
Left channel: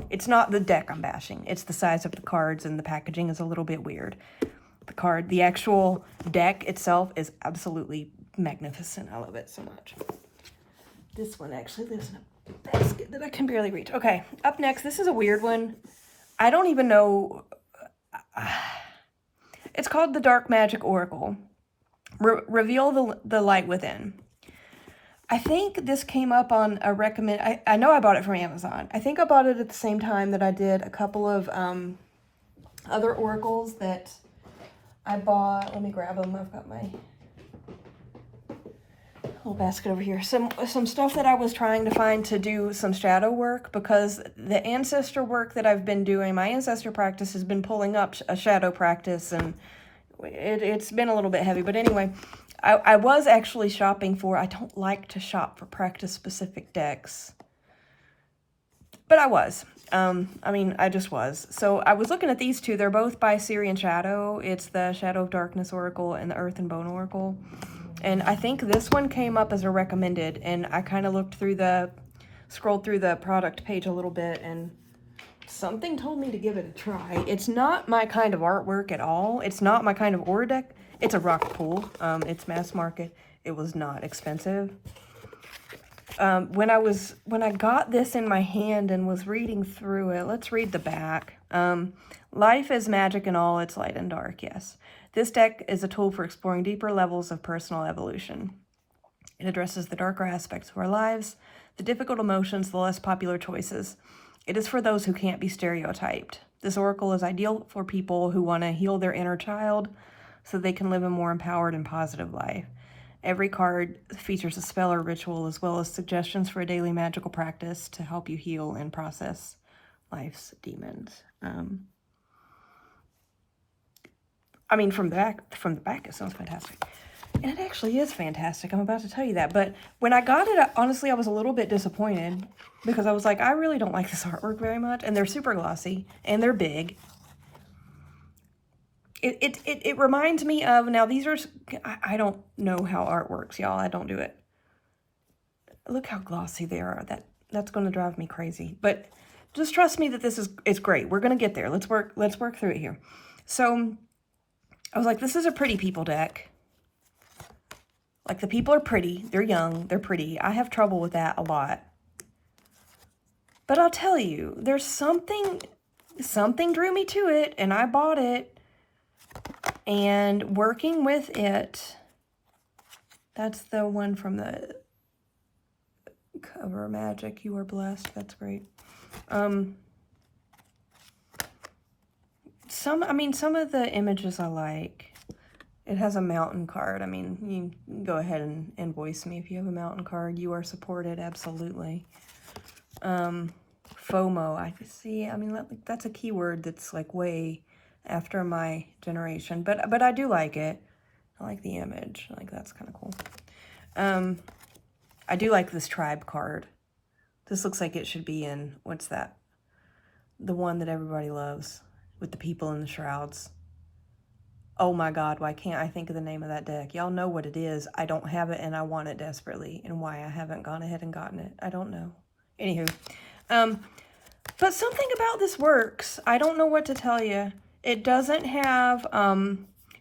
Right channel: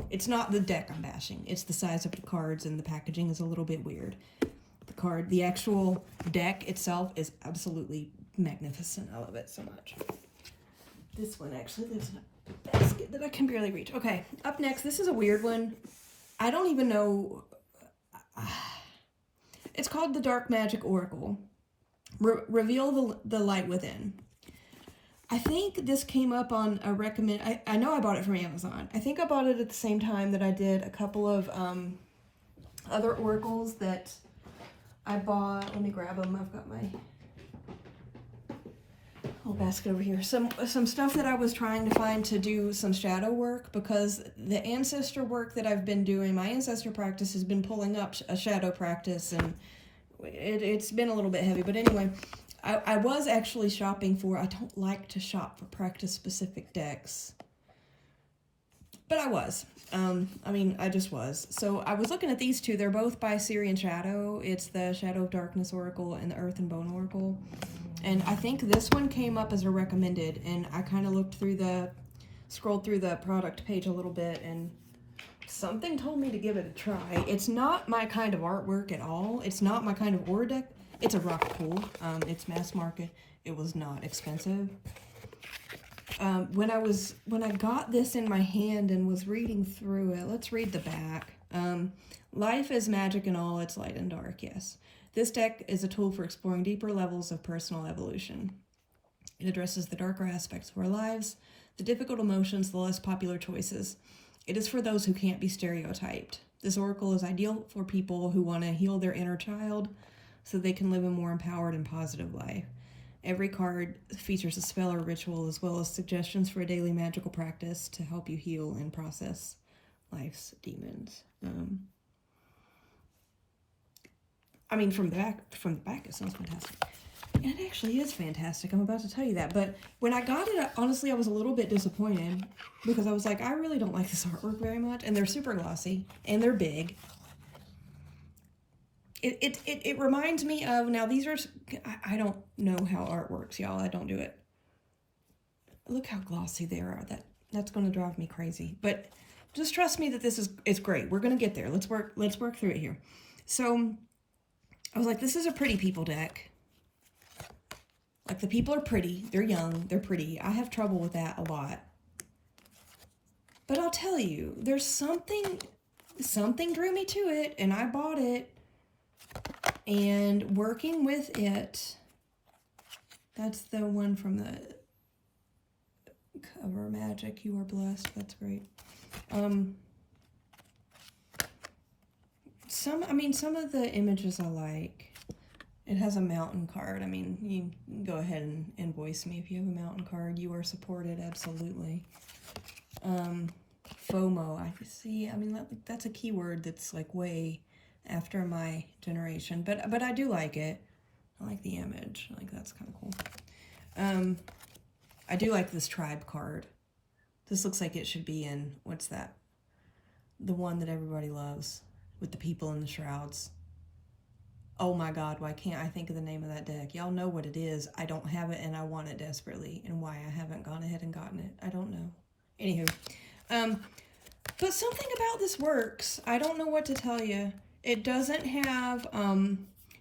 It's not the deck I'm bashing. It's the size of the cards, and the packaging is a little bit weird. The actual deck itself is absolutely magnificent. I love it so much. This one actually lives in a basket that I can barely reach. Okay, up next, this is a weird one. I don't even know. It's called the Dark Magic Oracle. Reveal the light within. I think this came up on a recommend. I know I bought it from Amazon. I think I bought it at the same time that I did a couple of other oracles that I bought. Let me grab them. I've got my little basket over here. Some stuff that I was trying to find to do some shadow work, because the ancestor work that I've been doing, my ancestor practice has been pulling up a shadow practice, and it's been a little bit heavy. But anyway, I was actually shopping for, I don't like to shop for practice-specific decks, but I was. I just was. So I was looking at these two. They're both by Syrian Shadow. It's the Shadow of Darkness Oracle and the Earth and Bone Oracle. And I think this one came up as a recommended, and I kind of scrolled through the product page a little bit, and something told me to give it a try. It's not my kind of artwork at all. It's not my kind of aura deck. It's a rock pool. It's mass market. It was not expensive. When I got this in my hand and was reading through it, let's read the back. Life is magic in all its light and dark, yes. This deck is a tool for exploring deeper levels of personal evolution. It addresses the darker aspects of our lives, the difficult emotions, the less popular choices. It is for those who can't be stereotyped. This oracle is ideal for people who want to heal their inner child so they can live a more empowered and positive life. Every card features a spell or ritual, as well as suggestions for a daily magical practice to help you heal and process life's demons. From the back, it sounds fantastic. And it actually is fantastic. I'm about to tell you that. But when I got it, honestly, I was a little bit disappointed, because I was like, I really don't like this artwork very much. And they're super glossy, and they're big. It reminds me of, now these are, I don't know how art works, y'all. I don't do it. Look how glossy they are. That's going to drive me crazy. But just trust me that it's great. We're going to get there. Let's work through it here. So I was like, this is a pretty people deck. Like, the people are pretty. They're young. They're pretty. I have trouble with that a lot. But I'll tell you, there's something drew me to it, and I bought it. And working with it, that's the one from the cover, Magic, You Are Blessed. That's great. Some of the images I like. It has a mountain card. You can go ahead and invoice me if you have a mountain card. You are supported, absolutely. FOMO, I can see. That's a keyword that's like way after my generation, but I do like it. I like the image. That's kind of cool. I do like this tribe card. This looks like it should be in, what's that? The one that everybody loves with the people in the shrouds. Oh my God, why can't I think of the name of that deck? Y'all know what it is. I don't have it, and I want it desperately. And why I haven't gone ahead and gotten it, I don't know. Anywho, but something about this works. I don't know what to tell you. It doesn't have,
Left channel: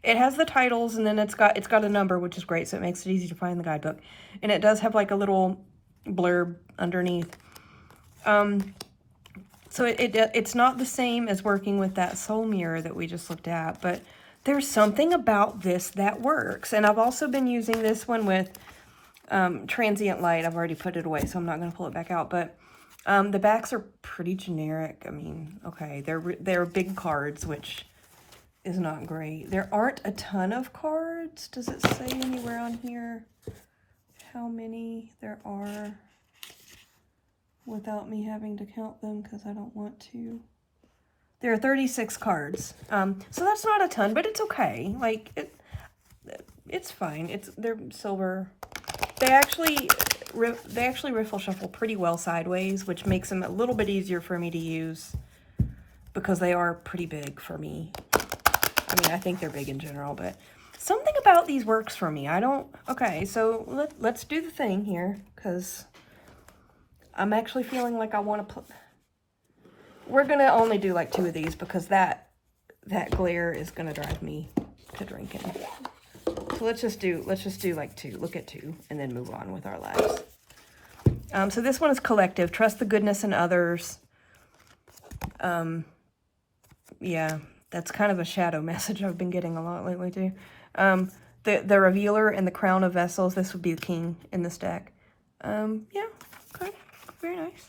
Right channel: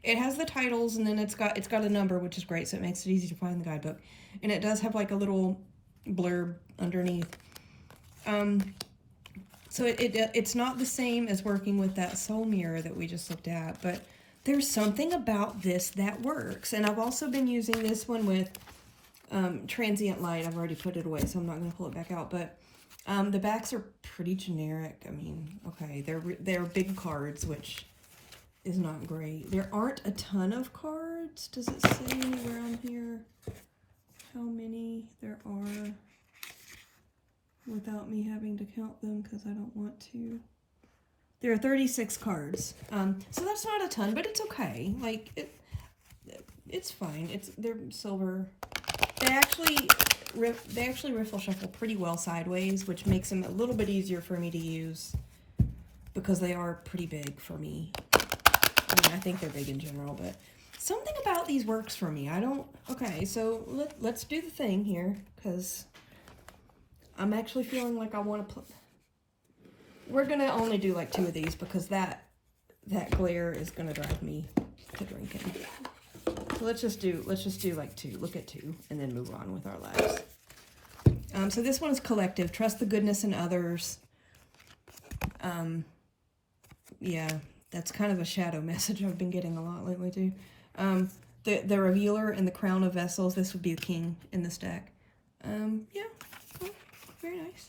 it has the titles, and then it's got a number, which is great, so it makes it easy to find the guidebook. And it does have like a little blurb underneath. So it's not the same as working with that Soul Mirror that we just looked at, but there's something about this that works. And I've also been using this one with Transient Light. I've already put it away, so I'm not going to pull it back out. But the backs are pretty generic. I mean, okay, they're big cards, which is not great. There aren't a ton of cards. Does it say anywhere on here how many there are without me having to count them, because I don't want to? There are 36 cards. So that's not a ton, but it's okay. Like, it's fine. They're silver. They actually riffle shuffle pretty well sideways, which makes them a little bit easier for me to use because they are pretty big for me. I mean, I think they're big in general, but something about these works for me. Okay, so let's do the thing here, because I'm actually feeling like I want to we're going to only do like 2 of these, because that glare is going to drive me to drinking. So let's just do like 2, look at 2, and then move on with our lives. So this one is collective. Trust the goodness in others. Yeah, that's kind of a shadow message I've been getting a lot lately too. The Revealer and the Crown of Vessels. This would be the king in this deck. Yeah, okay, very nice.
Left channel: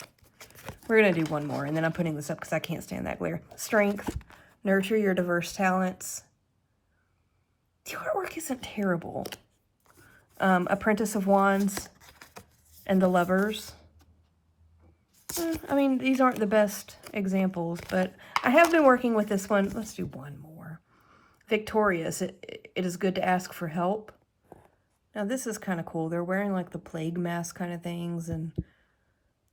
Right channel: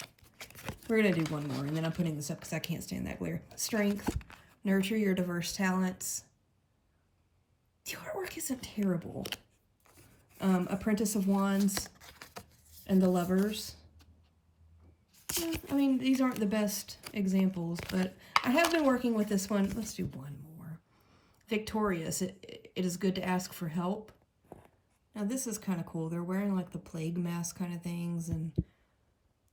We're gonna do one more, and then I'm putting this up because I can't stand that glare. Strength. Nurture your diverse talents. The artwork isn't terrible. Apprentice of Wands and the Lovers. I mean, these aren't the best examples, but I have been working with this one. Let's do one more. Victorious. It is good to ask for help. Now, this is kind of cool. They're wearing like the plague mask kind of things and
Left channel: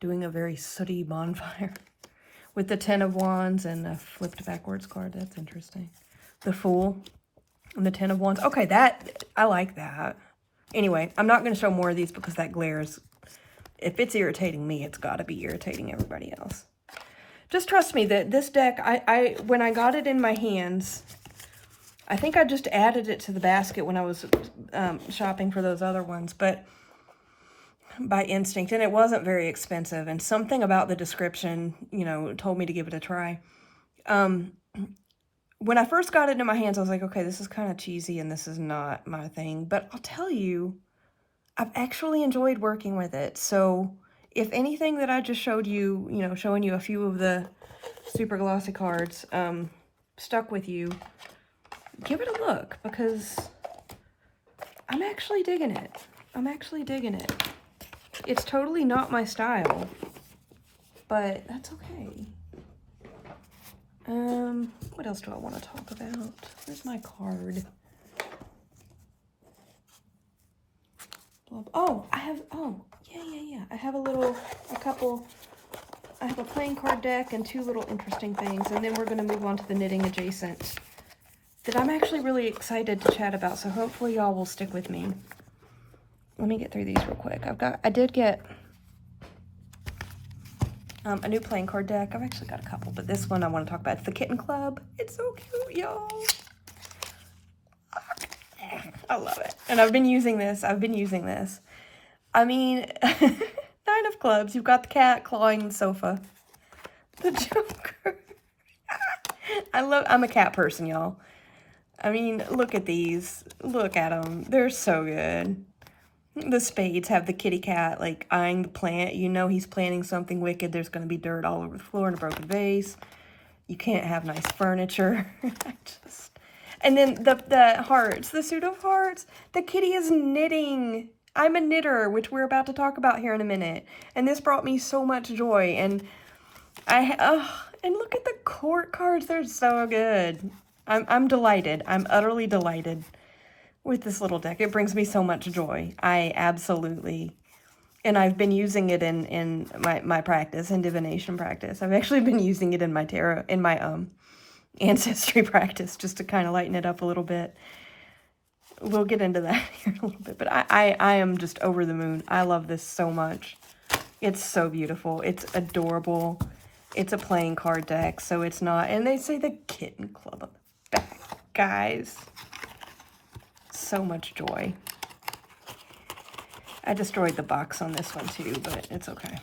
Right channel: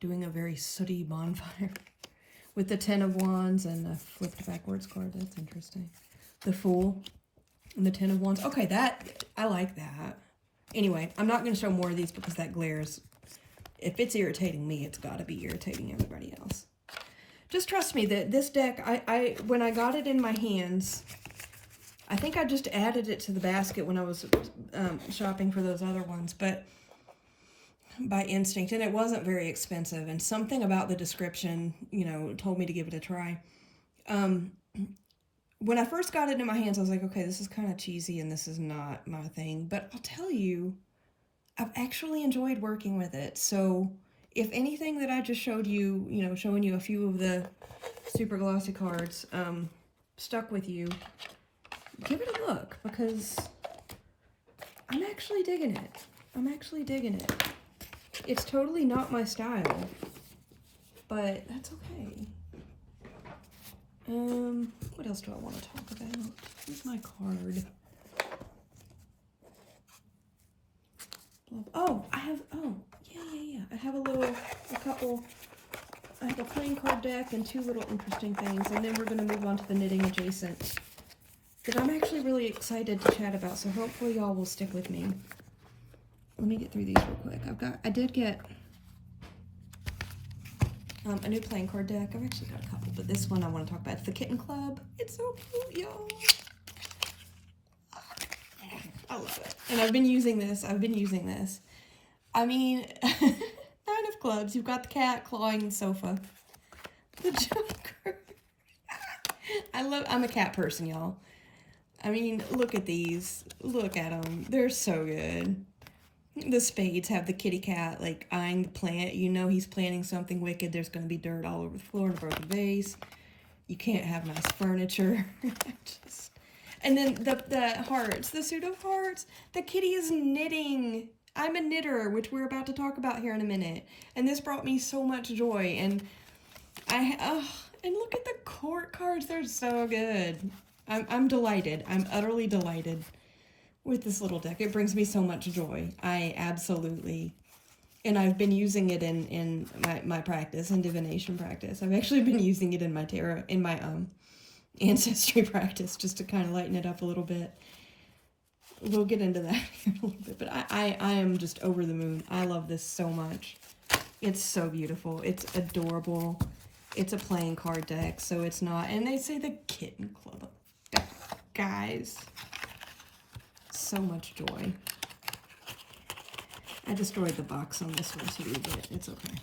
doing a very sooty bonfire with the 10 of Wands and a flipped backwards card. That's interesting. The Fool and the 10 of Wands. Okay, I like that. Anyway, I'm not going to show more of these because that glare is, if it's irritating me, it's got to be irritating everybody else. Just trust me that this deck, when I got it in my hands, I think I just added it to the basket when I was shopping for those other ones, but by instinct, and it wasn't very expensive, and something about the description, you know, told me to give it a try. When I first got it in my hands, I was like, okay, this is kind of cheesy and this is not my thing, but I'll tell you, I've actually enjoyed working with it. So if anything that I just showed you, you know, showing you a few of the super glossy cards, stuck with you, give it a look, because I'm actually digging it. I'm actually digging it. It's totally not my style, but that's okay. What else do I want to talk about? Where's my card? Oh, I have I have I have a playing card deck and 2 little interesting things, and then we're going to move on to the knitting adjacent that I'm actually really excited to chat about, so hopefully y'all will stick with me. Let me get through these real quick. I did get a new playing card deck. I've actually got a couple, but this one I want to talk about. It's the Kitten Club. It's so cute, y'all. I love it. And I've been using this. I mean, 9 of Clubs. You've got the cat clawing the sofa. The Joker. I'm a cat person, y'all. I mean, look at these. Look at them. They're so good. The spades have the kitty cat, like, eyeing the plant. You know he's planting something wicked. There's going to be dirt all over the floor and a broken vase. You can't have nice furniture. And then the hearts, the pseudo hearts. The kitty is knitting. I'm a knitter, which we're about to talk about here in a minute. And this brought me so much joy. And and look at the court cards. They're so good. I'm delighted. I'm utterly delighted with this little deck. It brings me so much joy. I absolutely, and I've been using it in my practice, in divination practice. I've actually been using it in my tarot, in my ancestry practice, just to kind of lighten it up a little bit. We'll get into that here in a little bit, but I am just over the moon. I love this so much. It's so beautiful. It's adorable. It's a playing card deck, so it's not, and they say the Kitten Club back, guys. So much joy. I destroyed the box on this one too, but it's okay.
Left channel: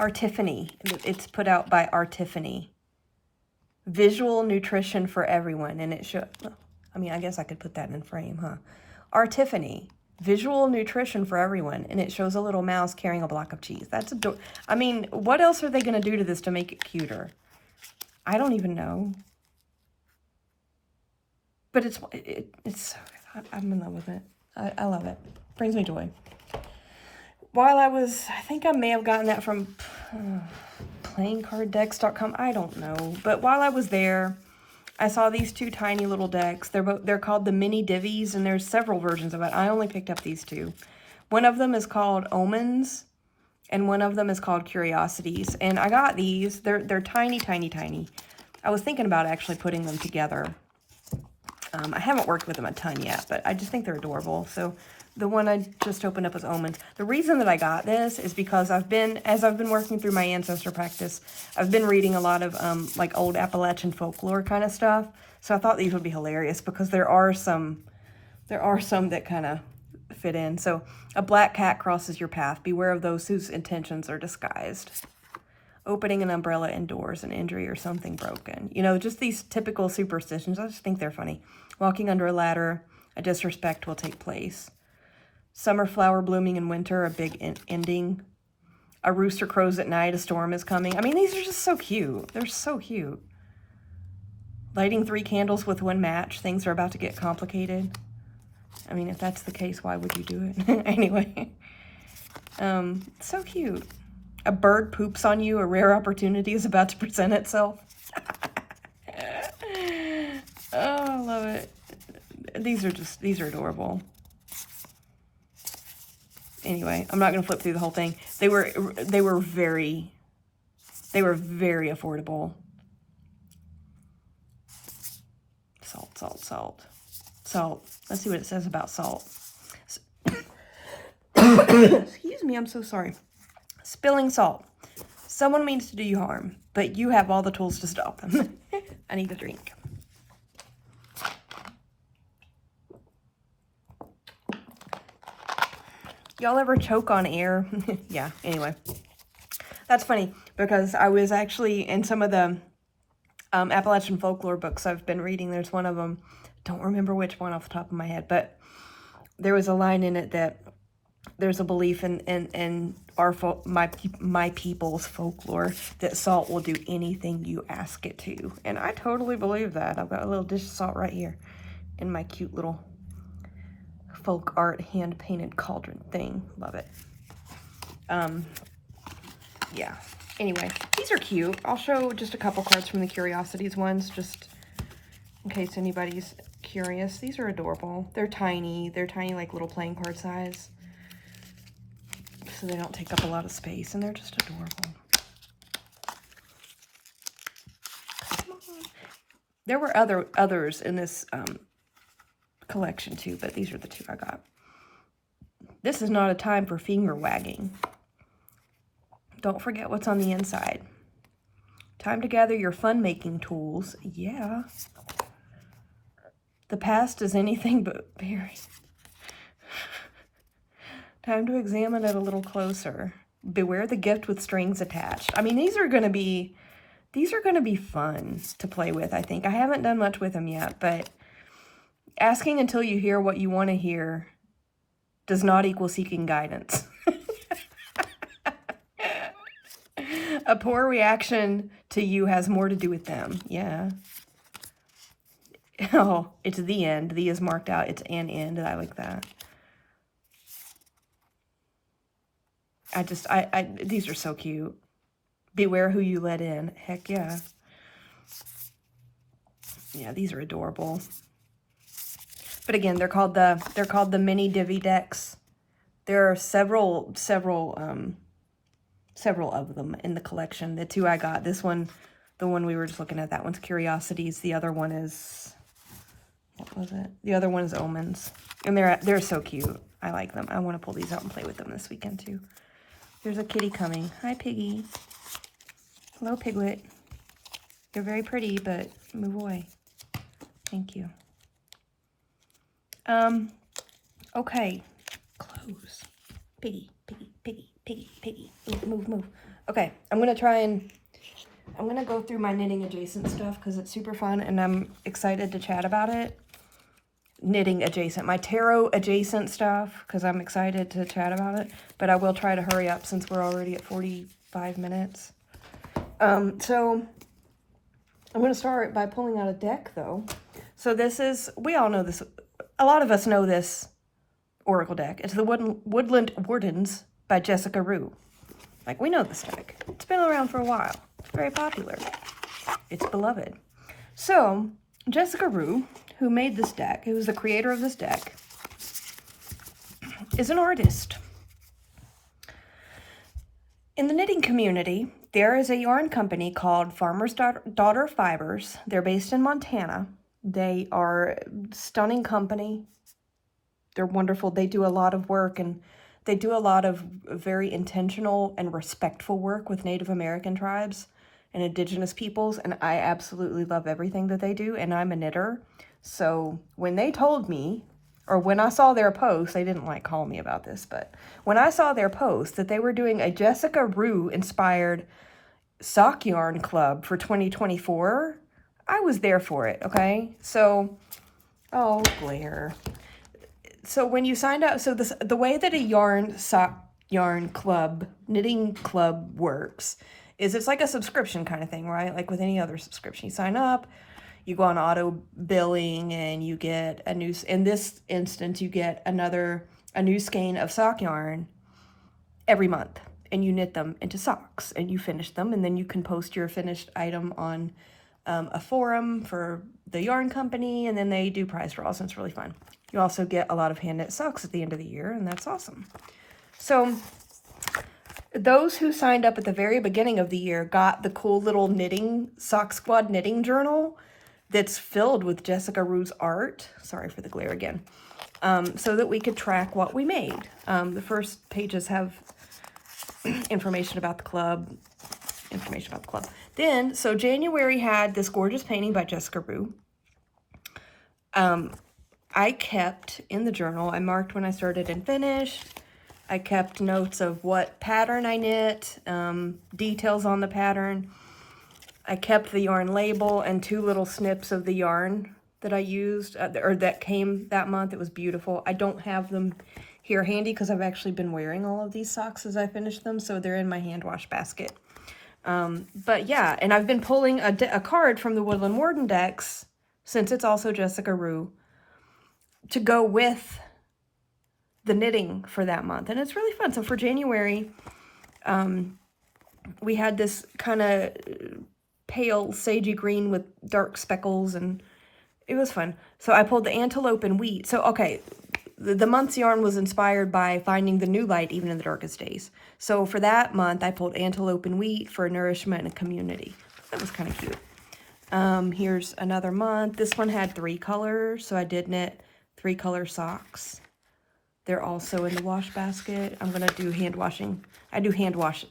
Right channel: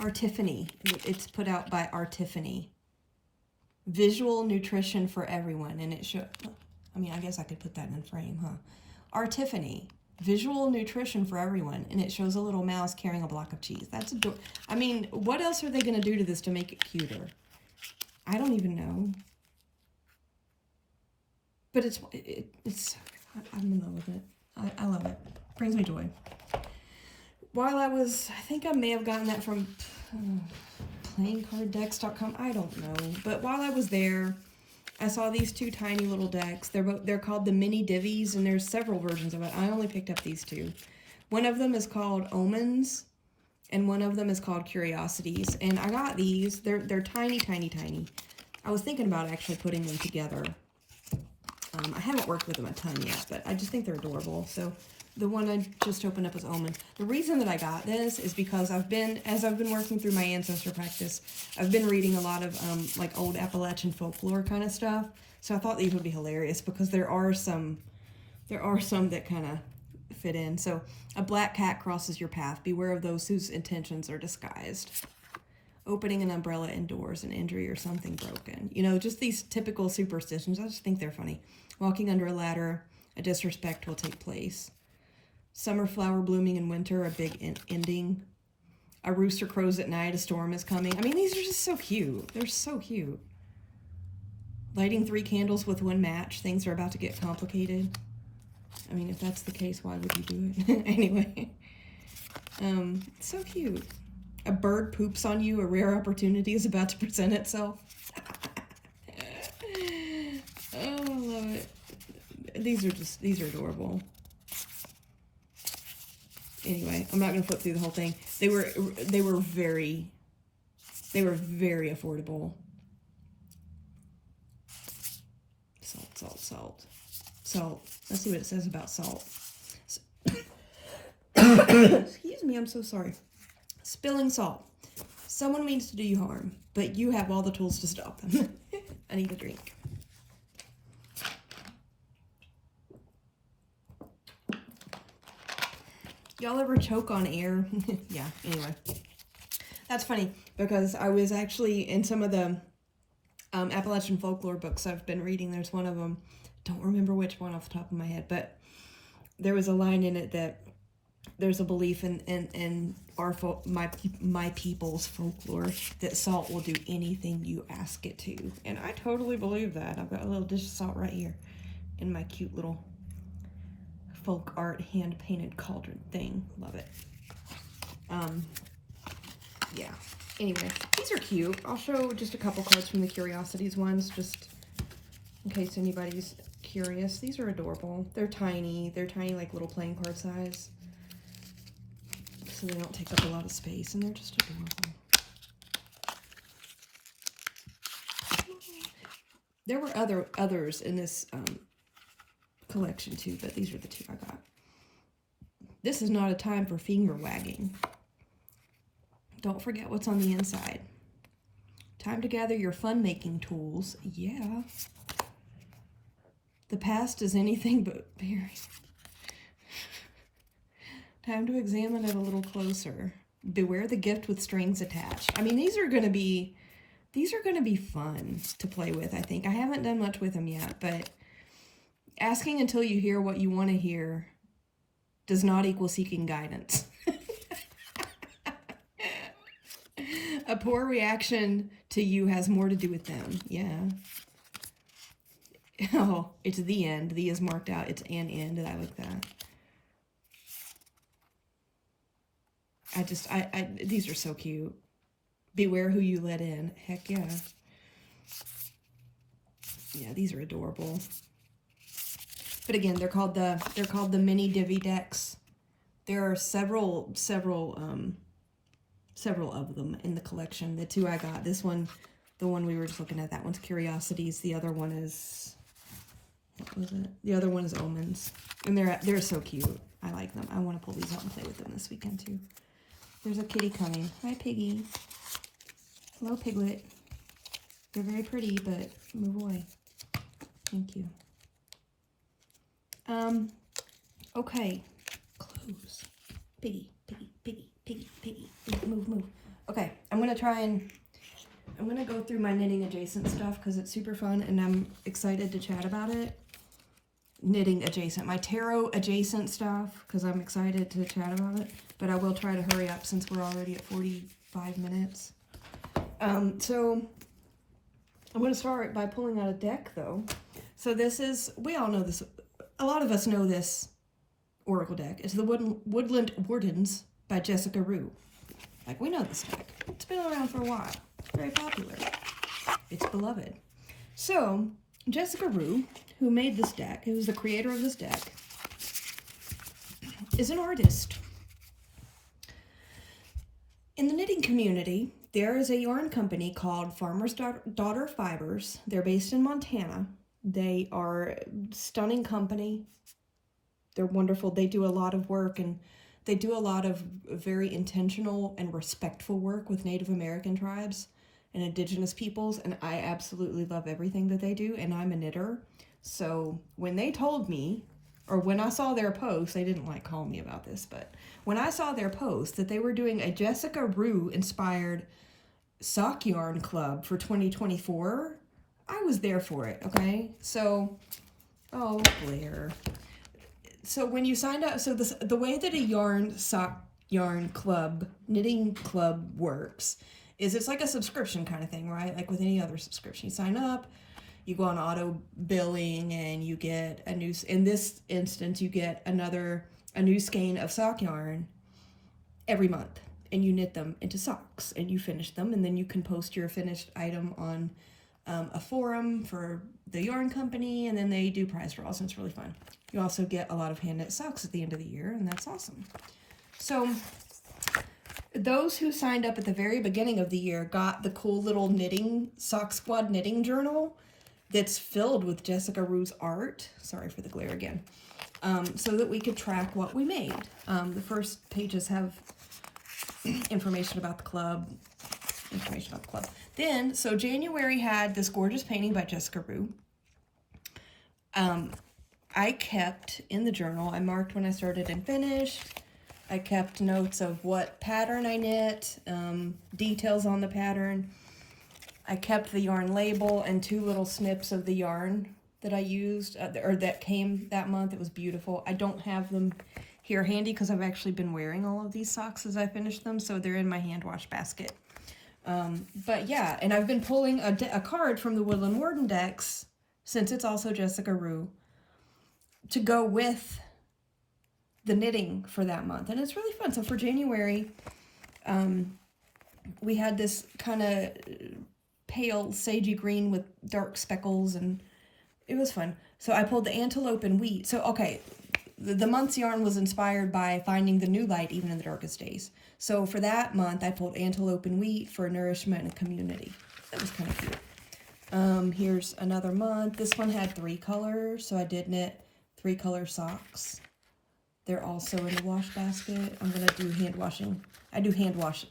Artiphany. It's put out by Artiphany. Visual nutrition for everyone. And it should, I mean, I guess I could put that in frame, huh? Our Tiffany, visual nutrition for everyone. And it shows a little mouse carrying a block of cheese. That's adorable. I mean, what else are they going to do to this to make it cuter? I don't even know. But I'm in love with it. I love it. Brings me joy. While I think I may have gotten that from playingcarddex.com. I don't know. But while I was there, I saw these two tiny little decks. They're called the mini divvies, and there's several versions of it. I only picked up these two. One of them is called Omens, and one of them is called Curiosities. And I got these. They're tiny, tiny, tiny. I was thinking about actually putting them together. I haven't worked with them a ton yet, but I just think they're adorable. So the one I just opened up was Omens. The reason that I got this is because as I've been working through my ancestor practice, I've been reading a lot of like old Appalachian folklore kind of stuff. So I thought these would be hilarious because there are some that kind of fit in. So a black cat crosses your path. Beware of those whose intentions are disguised. Opening an umbrella indoors, an injury or something broken. You know, just these typical superstitions. I just think they're funny. Walking under a ladder, a disrespect will take place. Summer flower blooming in winter, a big ending. A rooster crows at night, a storm is coming. I mean, these are just so cute. They're so cute. Lighting 3 candles with 1 match. Things are about to get complicated. I mean, if that's the case, why would you do it? Anyway. So cute. A bird poops on you. A rare opportunity is about to present itself. Oh, I love it. These are adorable. Anyway, I'm not going to flip through the whole thing. They were very affordable. Salt. Let's see what it says about salt. Excuse me, I'm so sorry. Spilling salt. Someone means to do you harm, but you have all the tools to stop them. I need a drink. Y'all ever choke on air? Yeah, anyway. That's funny because I was actually in some of the Appalachian folklore books I've been reading. There's one of them, don't remember which one off the top of my head, but there was a line in it that there's a belief in my people's folklore that salt will do anything you ask it to. And I totally believe that. I've got a little dish of salt right here in my cute little folk art hand-painted cauldron thing. Love it. Yeah. Anyway, these are cute. I'll show just a couple cards from the Curiosities ones, just in case anybody's curious. These are adorable. They're tiny. They're tiny, like little playing card size. So they don't take up a lot of space, and they're just adorable. There were others in this collection too, but these are the two I got. This is not a time for finger wagging. Don't forget what's on the inside. Time to gather your fun-making tools. Yeah. The past is anything but very. Time to examine it a little closer. Beware the gift with strings attached. I mean, these are going to be fun to play with, I think. I haven't done much with them yet, but asking until you hear what you want to hear does not equal seeking guidance. A poor reaction to you has more to do with them. Yeah. Oh, it's the end. The is marked out. It's an end. I like that. These are so cute. Beware who you let in. Heck yeah. Yeah, these are adorable. But again, they're called the mini divvy decks. There are several of them in the collection. The two I got, this one, the one we were just looking at, that one's Curiosities. The other one is, what was it? The other one is Omens. And they're so cute. I like them. I want to pull these out and play with them this weekend too. There's a kitty coming. Hi, Piggy. Hello, Piglet. They're very pretty, but move away. Thank you. Okay. Close. Piggy. Move. Okay, I'm going to try and I'm gonna go through my knitting adjacent stuff because it's super fun and I'm excited to chat about it. Knitting adjacent, my tarot adjacent stuff, because I'm excited to chat about it, but I will try to hurry up since we're already at 45 minutes. So I'm going to start by pulling out a deck though. So this is, we all know this, a lot of us know this oracle deck. It's the Woodland Wardens by Jessica Rue. Like, we know this deck. It's been around for a while. It's very popular. It's beloved. So Jessica Rue, who made this deck, who was the creator of this deck, is an artist. In the knitting community, there is a yarn company called Farmer's Daughter Fibers. They're based in Montana. They are a stunning company. They're wonderful. They do a lot of work, and they do a lot of very intentional and respectful work with Native American tribes and indigenous peoples, and I absolutely love everything that they do, and I'm a knitter. So when they told me, or when I saw their post, they didn't like call me about this, but when I saw their post that they were doing a Jessica Rue inspired sock yarn club for 2024, I was there for it, okay? So, oh, Blair. So when you signed up, so the way that a sock yarn club, knitting club works is it's like a subscription kind of thing, right? Like with any other subscription, you sign up, you go on auto billing, and you get a new, in this instance, you get a new skein of sock yarn every month, and you knit them into socks, and you finish them, and then you can post your finished item on a forum for the yarn company, and then they do prize draws, and it's really fun. You also get a lot of hand knit socks at the end of the year, and that's awesome. So those who signed up at the very beginning of the year got the cool little knitting Sock Squad knitting journal that's filled with Jessica Rue's art. Sorry for the glare again. So that we could track what we made. The first pages have information about the club. Then, so January had this gorgeous painting by Jessica Rue. I kept in the journal, I marked when I started and finished. I kept notes of what pattern I knit, details on the pattern. I kept the yarn label and 2 little snips of the yarn that I used, or that came that month. It was beautiful. I don't have them here handy because I've actually been wearing all of these socks as I finished them, so they're in my hand wash basket. But yeah, and I've been pulling a card from the Woodland Warden decks, since it's also Jessica Rue, to go with the knitting for that month, and it's really fun. So for January, we had this kind of pale sagey green with dark speckles, and it was fun. So I pulled the antelope and wheat. So okay, the month's yarn was inspired by finding the new light even in the darkest days. So for that month, I pulled antelope and wheat for nourishment and community. That was kind of cute. Here's another month. This one had 3 colors, so I did knit 3 color socks. They're also in the wash basket. I'm gonna do hand washing. I do hand wash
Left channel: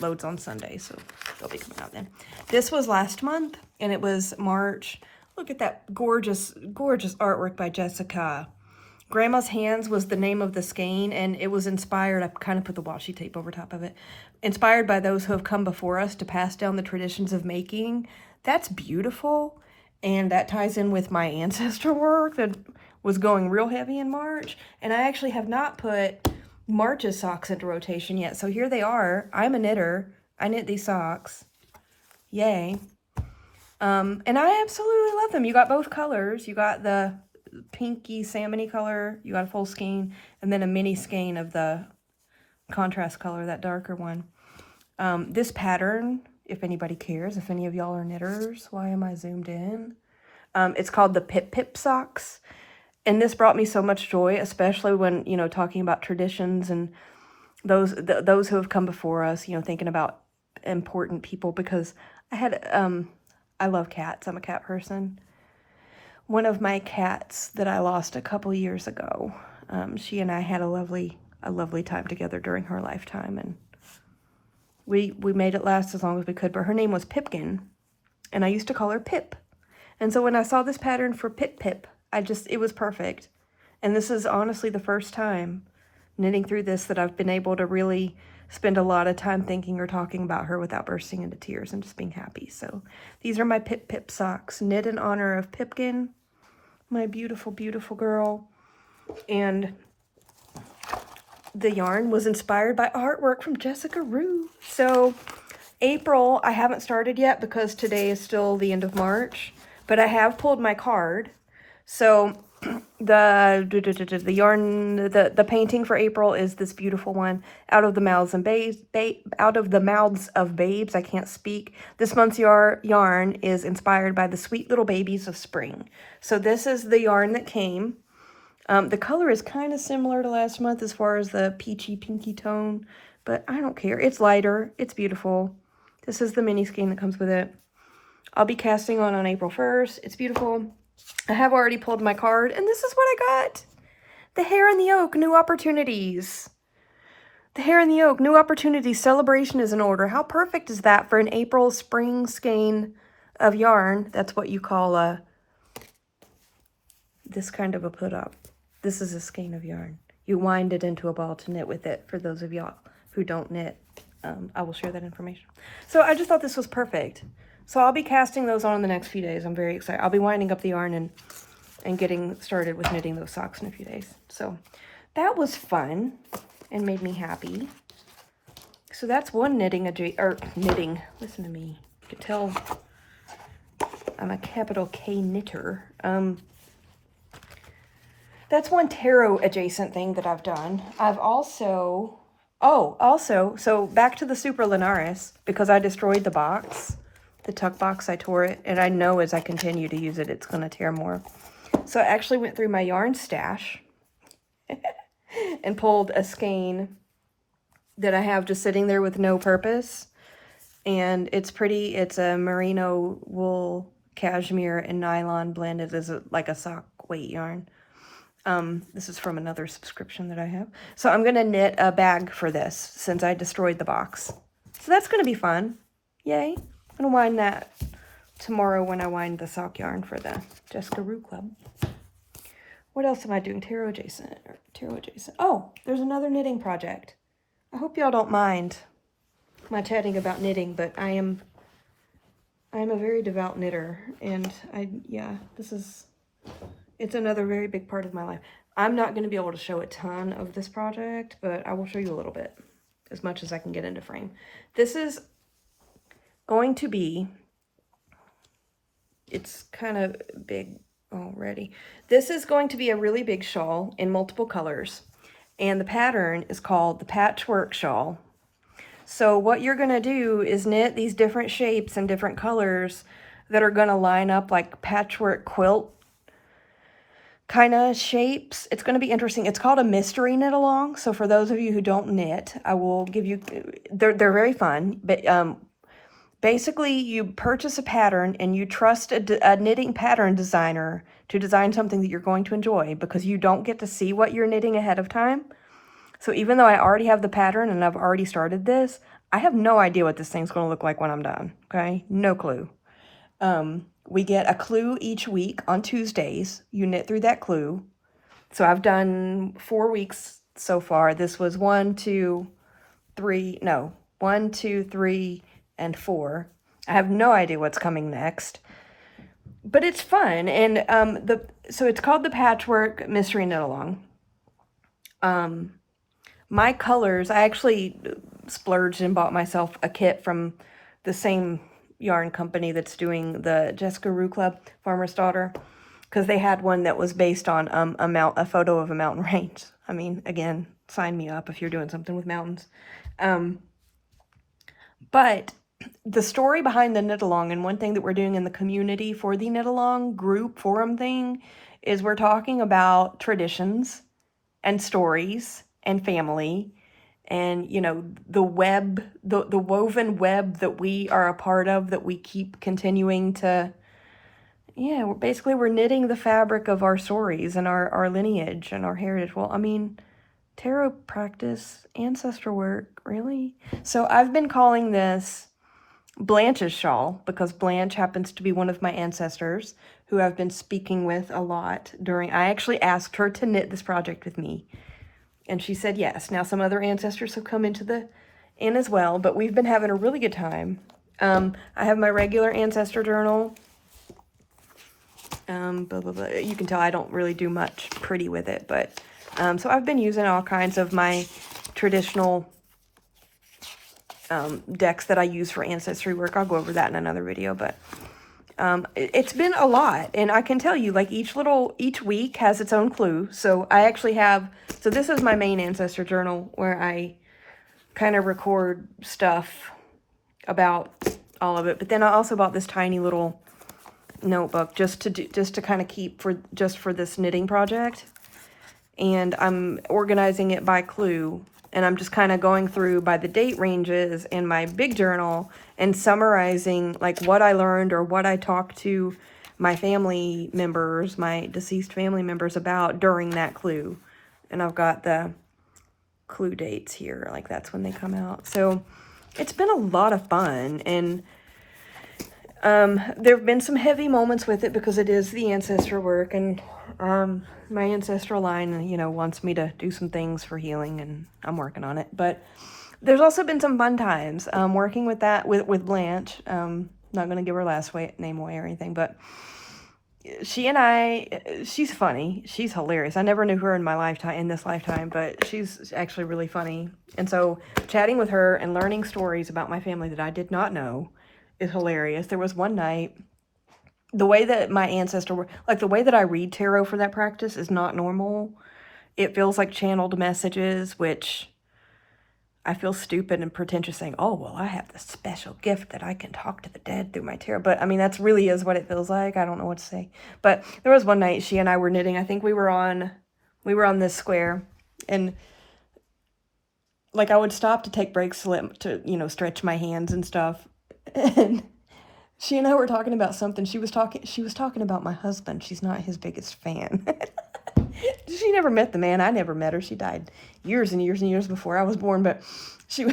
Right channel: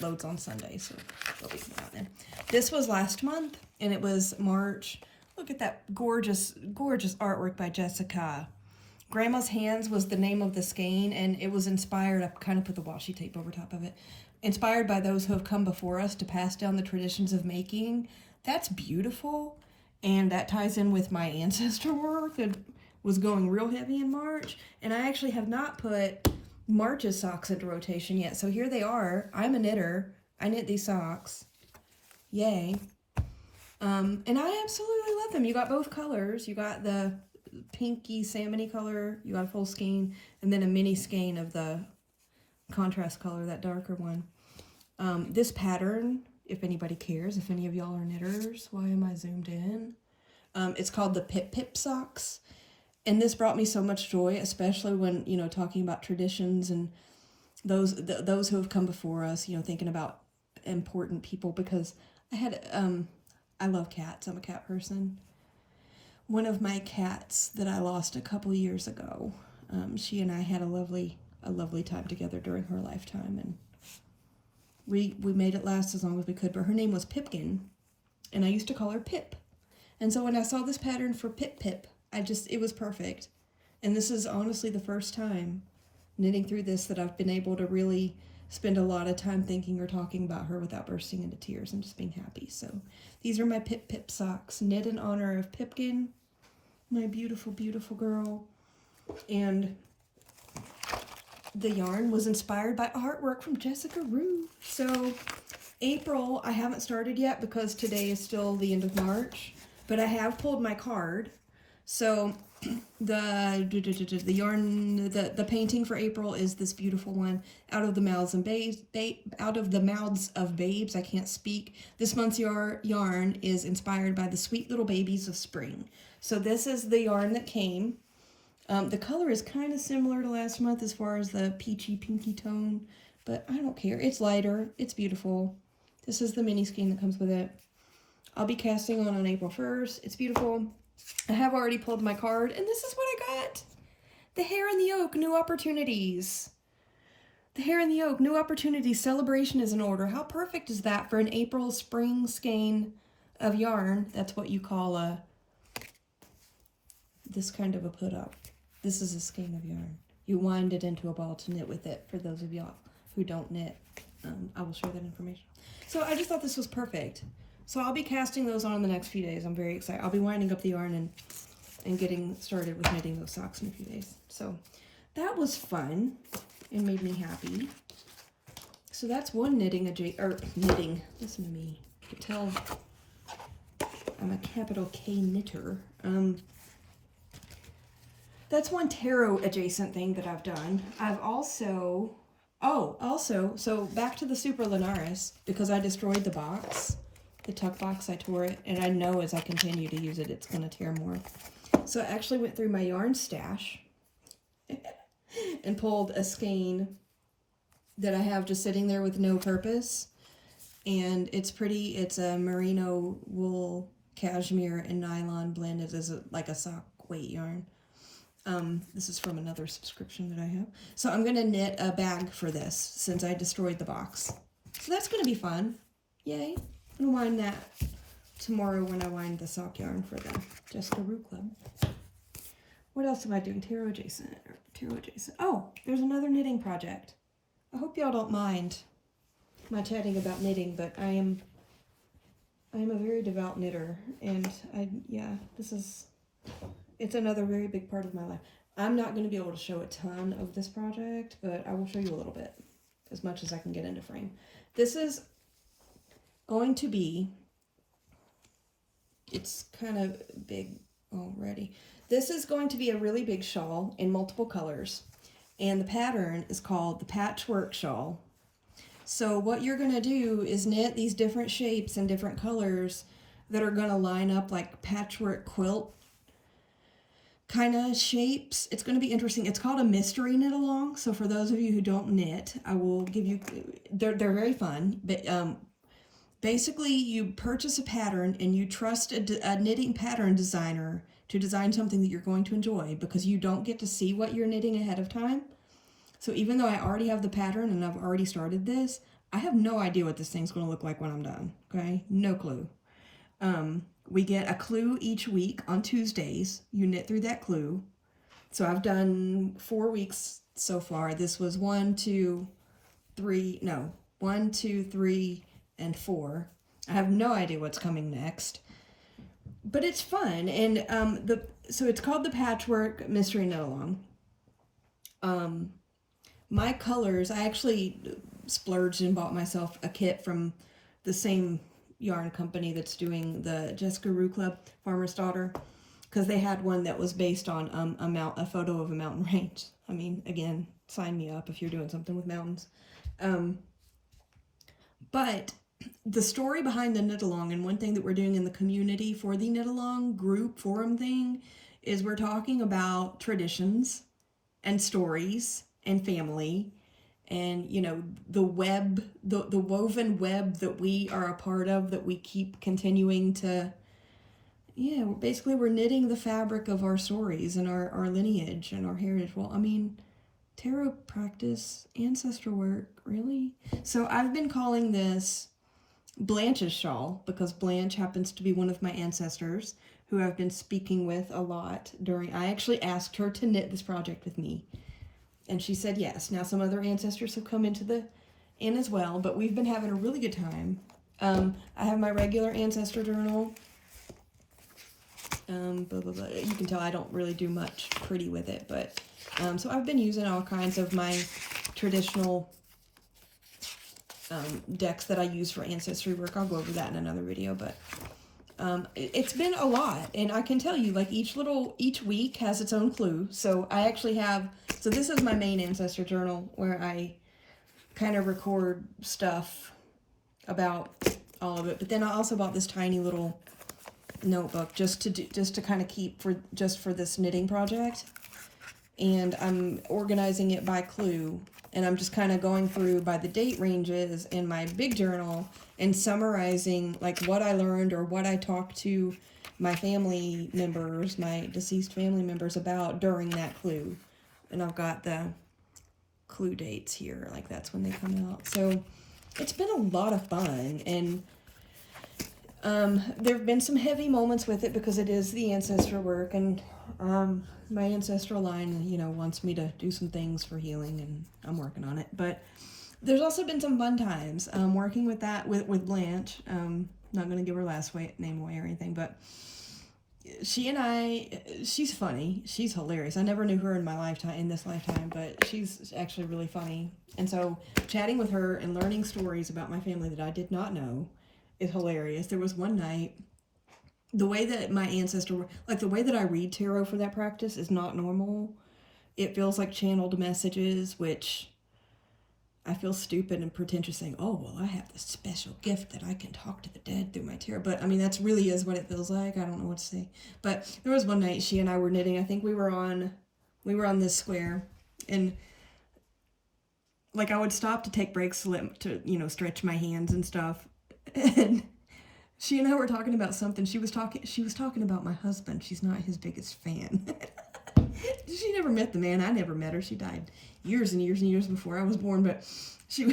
loads on Sunday, so they'll be coming out then. This was last month, and it was March. Look at that gorgeous, gorgeous artwork by Jessica. Grandma's Hands was the name of the skein, and it was inspired, I kind of put the washi tape over top of it, inspired by those who have come before us to pass down the traditions of making. That's beautiful, and that ties in with my ancestor work that was going real heavy in March, and I actually have not put March's socks into rotation yet. So here they are. I'm a knitter. I knit these socks. Yay. And I absolutely love them. You got both colors. You got the pinky salmony color. You got a full skein, and then a mini skein of the contrast color, that darker one. This pattern, if anybody cares, if any of y'all are knitters, why am I zoomed in? It's called the Pip Pip socks. And this brought me so much joy, especially when, you know, talking about traditions and those who have come before us, you know, thinking about important people, because I had, I love cats. I'm a cat person. One of my cats that I lost a couple years ago, she and I had a lovely time together during her lifetime, and we made it last as long as we could, but her name was Pipkin, and I used to call her Pip. And so when I saw this pattern for Pip Pip, it was perfect. And this is honestly the first time knitting through this that I've been able to really spend a lot of time thinking or talking about her without bursting into tears and just being happy. So these are my Pip Pip socks, knit in honor of Pipkin, my beautiful, beautiful girl. And the yarn was inspired by artwork from Jessica Rue. So April, I haven't started yet because today is still the end of March, but I have pulled my card. So the yarn, the painting for April is this beautiful one, Out of the Mouths and Out of the Mouths of Babes. I can't speak. This month's yarn is inspired by the sweet little babies of spring. So this is the yarn that came. The color is kind of similar to last month as far as the peachy pinky tone, but I don't care. It's lighter. It's beautiful. This is the mini skein that comes with it. I'll be casting on April 1st. It's beautiful. I have already pulled my card, and this is what I got. The Hare and the Oak, New Opportunities. The Hare and the Oak, New Opportunities, Celebration is in order. How perfect is that for an April spring skein of yarn? That's what you call this kind of a put up. This is a skein of yarn. You wind it into a ball to knit with it, for those of y'all who don't knit. I will share that information. So I just thought this was perfect. So I'll be casting those on in the next few days. I'm very excited. I'll be winding up the yarn and getting started with knitting those socks in a few days. So that was fun and made me happy. So that's one knitting, listen to me. You can tell I'm a capital K knitter. That's one tarot adjacent thing that I've done. I've also, so back to the Super Linares, because I destroyed the box, the tuck box, I tore it, and I know as I continue to use it, it's going to tear more. So I actually went through my yarn stash and pulled a skein that I have just sitting there with no purpose. And it's pretty. It's a merino wool, cashmere, and nylon blended as like a sock weight yarn. This is from another subscription that I have. So I'm going to knit a bag for this since I destroyed the box. So that's going to be fun. Yay. I'm going to wind that tomorrow when I wind the sock yarn for the Jessica Rue Club. What else am I doing? Tarot adjacent. Oh, there's another knitting project. I hope y'all don't mind my chatting about knitting, but I am a very devout knitter, and it's another very big part of my life. I'm not going to be able to show a ton of this project, but I will show you a little bit, as much as I can get into frame. This is going to be, it's kind of big already. This is going to be a really big shawl in multiple colors, and the pattern is called the Patchwork Shawl. So what you're going to do is knit these different shapes and different colors that are going to line up like patchwork quilt kind of shapes. It's going to be interesting. It's called a mystery knit along. So for those of you who don't knit, I will give you, they're very fun, but basically you purchase a pattern and you trust a knitting pattern designer to design something that you're going to enjoy, because you don't get to see what you're knitting ahead of time. So even though I already have the pattern and I've already started this, I have no idea what this thing's going to look like when I'm done. Okay. No clue. We get a clue each week on Tuesdays. You knit through that clue. So I've done 4 weeks so far. This was 1, 2, 3, and 4. I have no idea what's coming next, but it's fun. And so it's called the Patchwork Mystery Knit Along. My colors, I actually splurged and bought myself a kit from the same yarn company that's doing the Jessica Rue Club, Farmer's Daughter, because they had one that was based on a photo of a mountain range. I mean, again, sign me up if you're doing something with mountains. But the story behind the knit along, and one thing that we're doing in the community for the knit along group forum thing, is we're talking about traditions and stories and family, and you know, the web, the woven web that we are a part of, that we keep continuing to, we're knitting the fabric of our stories and our lineage and our heritage. Well, I mean, tarot practice, ancestor work, really? So I've been calling this Blanche's shawl, because Blanche happens to be one of my ancestors who I've been speaking with a lot I actually asked her to knit this project with me, and she said yes. Now some other ancestors have come into in as well, but we've been having a really good time. I have my regular ancestor journal. Blah, blah, blah. You can tell I don't really do much pretty with it, but so I've been using all kinds of my traditional decks that I use for ancestry work. I'll go over that in another video, but it's been a lot, and I can tell you, like, each week has its own clue. So I actually have, so this is my main ancestor journal where I kind of record stuff about all of it, but then I also bought this tiny little notebook just to kind of keep for this knitting project, and I'm organizing it by clue, and I'm just kind of going through by the date ranges in my big journal and summarizing like what I learned or what I talked to my family members, my deceased family members about during that clue. And I've got the clue dates here, like that's when they come out. So it's been a lot of fun, and there have been some heavy moments with it because it is the ancestor work, and my ancestral line, you know, wants me to do some things for healing, and I'm working on it. But there's also been some fun times working with that with Blanche. Not gonna give her last name away or anything, but she's funny. She's hilarious. I never knew her in this lifetime, but she's actually really funny. And so chatting with her and learning stories about my family that I did not know is hilarious. There was one night, the way that my ancestor, like the way that I read tarot for that practice is not normal. It feels like channeled messages, which I feel stupid and pretentious saying, oh, well, I have this special gift that I can talk to the dead through my tarot. But I mean, that's really is what it feels like. I don't know what to say. But there was one night she and I were knitting. I think we were on this square, and like I would stop to take breaks to, you know, stretch my hands and stuff. And she and I were talking about something. She was talking about my husband. She's not his biggest fan. She never met the man. I never met her. She died years and years and years before I was born, but she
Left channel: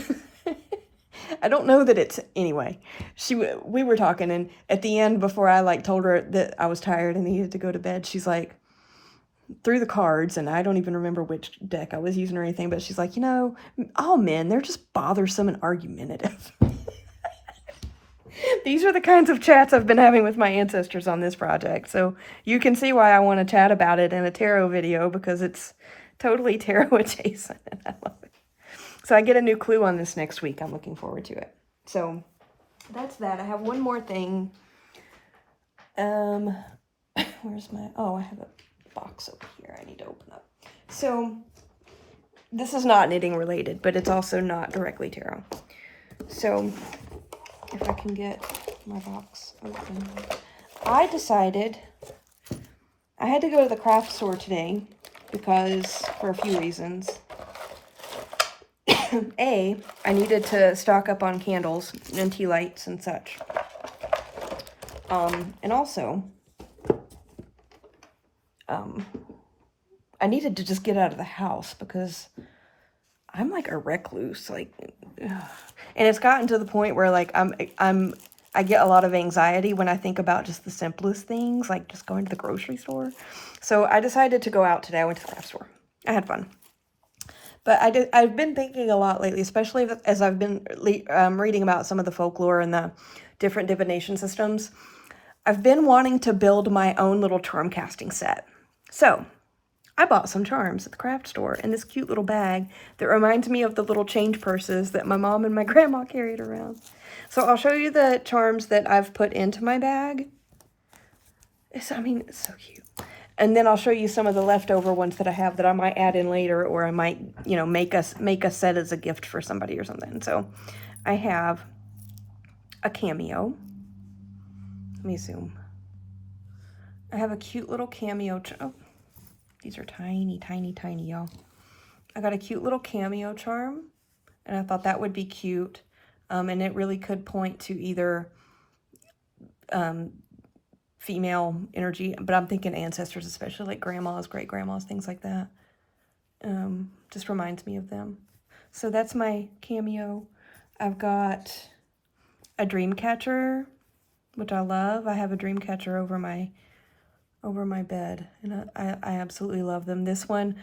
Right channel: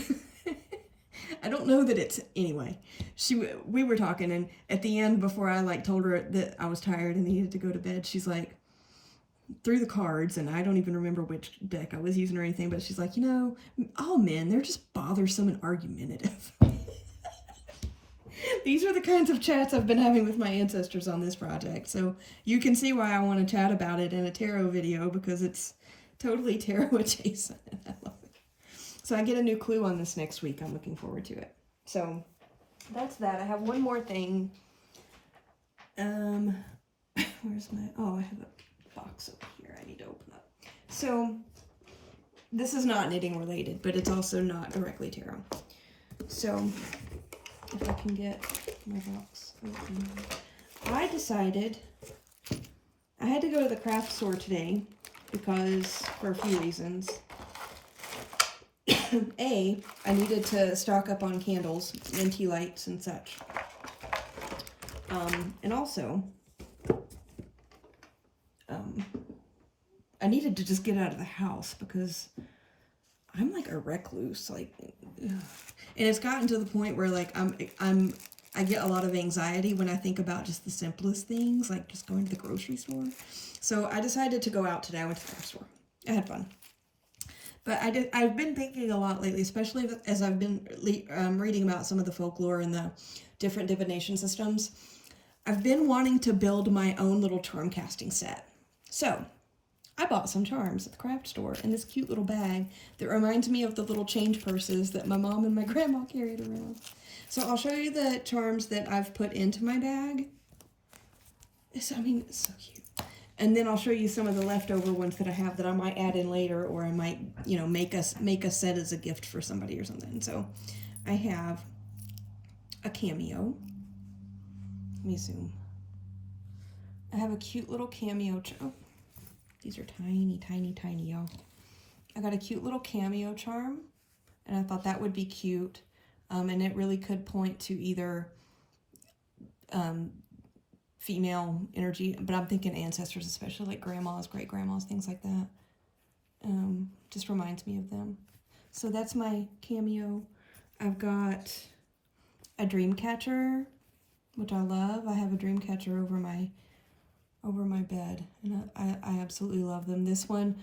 I don't know that it's anyway. We were talking, and at the end, before I like told her that I was tired and needed to go to bed, she's like, through the cards, and I don't even remember which deck I was using or anything, but she's like, you know, all men, they're just bothersome and argumentative. These are the kinds of chats I've been having with my ancestors on this project. So you can see why I want to chat about it in a tarot video, because it's totally tarot adjacent. And I love it. So I get a new clue on this next week. I'm looking forward to it. So that's that. I have one more thing. Where's my, oh, I have a box over here I need to open up. So this is not knitting related, but it's also not directly tarot. So if I can get my box open. I decided I had to go to the craft store today because, for a few reasons. A, I needed to stock up on candles and tea lights and such. And also, I needed to just get out of the house because I'm like a recluse, like, ugh. And it's gotten to the point where like I get a lot of anxiety when I think about just the simplest things, like just going to the grocery store. So I decided to go out today. I went to the craft store. I had fun. But I've been thinking a lot lately, especially as I've been reading about some of the folklore and the different divination systems. I've been wanting to build my own little charm casting set. So I bought some charms at the craft store in this cute little bag that reminds me of the little change purses that my mom and my grandma carried around. So I'll show you the charms that I've put into my bag. It's so cute. And then I'll show you some of the leftover ones that I have that I might add in later, or I might, you know, make a set as a gift for somebody or something. So I have a cameo. Let me zoom. I have a cute little cameo. Oh, these are tiny, tiny, tiny, y'all. I got a cute little cameo charm, and I thought that would be cute. And it really could point to either female energy, but I'm thinking ancestors, especially like grandmas, great grandmas, things like that. Just reminds me of them. So that's my cameo. I've got a dream catcher, which I love. I have a dream catcher over my bed, and I absolutely love them. This one,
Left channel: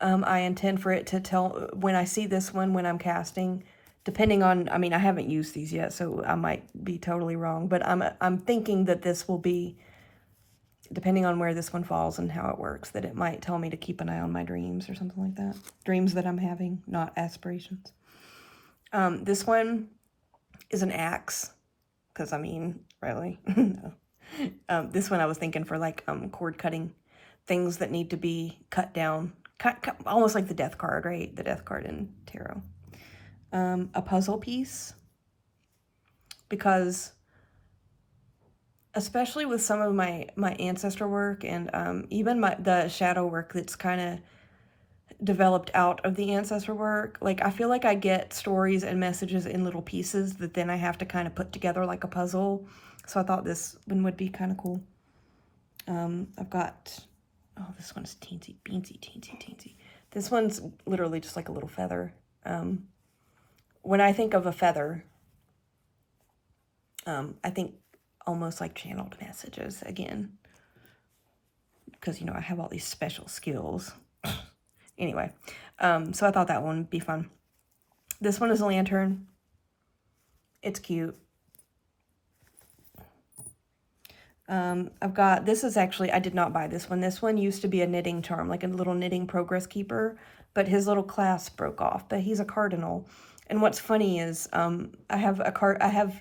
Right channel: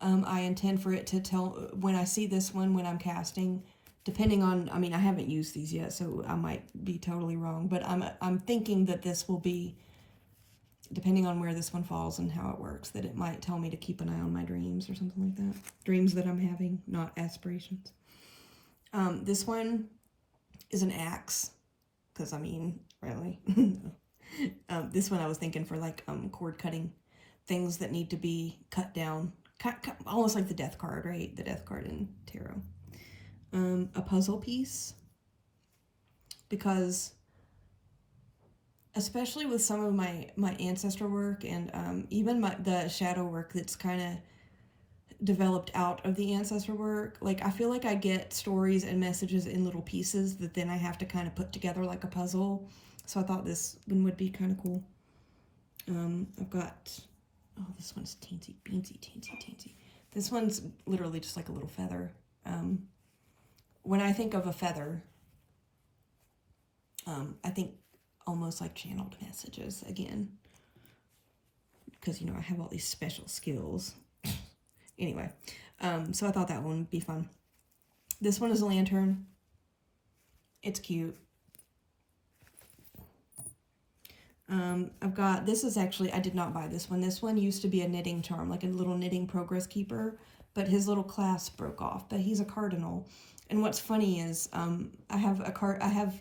I intend for it to tell, when I see this one, when I'm casting, depending on, I mean, I haven't used these yet, so I might be totally wrong, but I'm thinking that this will be, depending on where this one falls and how it works, that it might tell me to keep an eye on my dreams or something like that. Dreams that I'm having, not aspirations. This one is an axe, because I mean, really, no. This one I was thinking for like cord cutting, things that need to be cut down, cut, almost like the death card, right? The death card in tarot. A puzzle piece, because especially with some of my ancestor work and even the shadow work that's kind of developed out of the ancestor work, like I feel like I get stories and messages in little pieces that then I have to kind of put together like a puzzle. So I thought this one would be kind of cool. I've got, oh, this one's teensy, beansy, teensy. This one's literally just like a little feather. When I think of a feather, I think almost like channeled messages again, because, you know, I have all these special skills. Anyway, so I thought that one would be fun. This one is a lantern. It's cute. I've got, this is actually, I did not buy this one. This one used to be a knitting charm, like a little knitting progress keeper, but his little clasp broke off, but he's a cardinal. And what's funny is, I have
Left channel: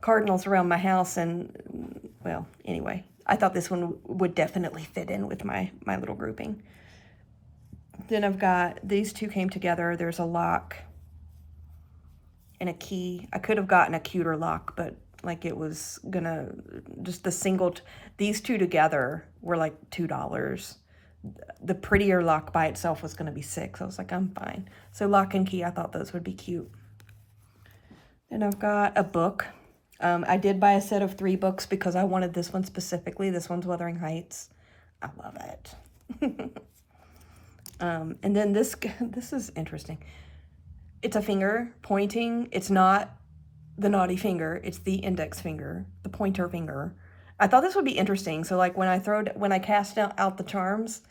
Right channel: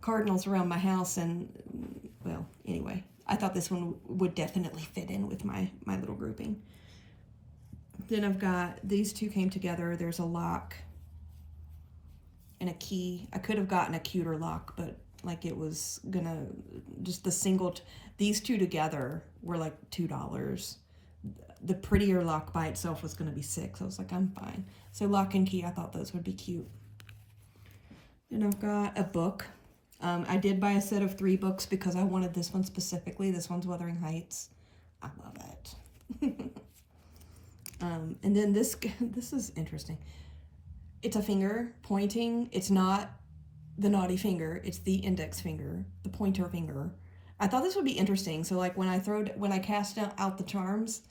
cardinals around my house, and, well, anyway, I thought this one would definitely fit in with my little grouping. Then I've got, these two came together. There's a lock and a key. I could have gotten a cuter lock, but like it was gonna, just the single, these two together were like $2. The prettier lock by itself was gonna be $6. I was like, I'm fine. So lock and key, I thought those would be cute. And I've got a book. I did buy a set of 3 books because I wanted this one specifically. This one's Wuthering Heights. I love it. And then this is interesting. It's a finger pointing. It's not the naughty finger. It's the index finger, the pointer finger. I thought this would be interesting. So like when I cast out the charms,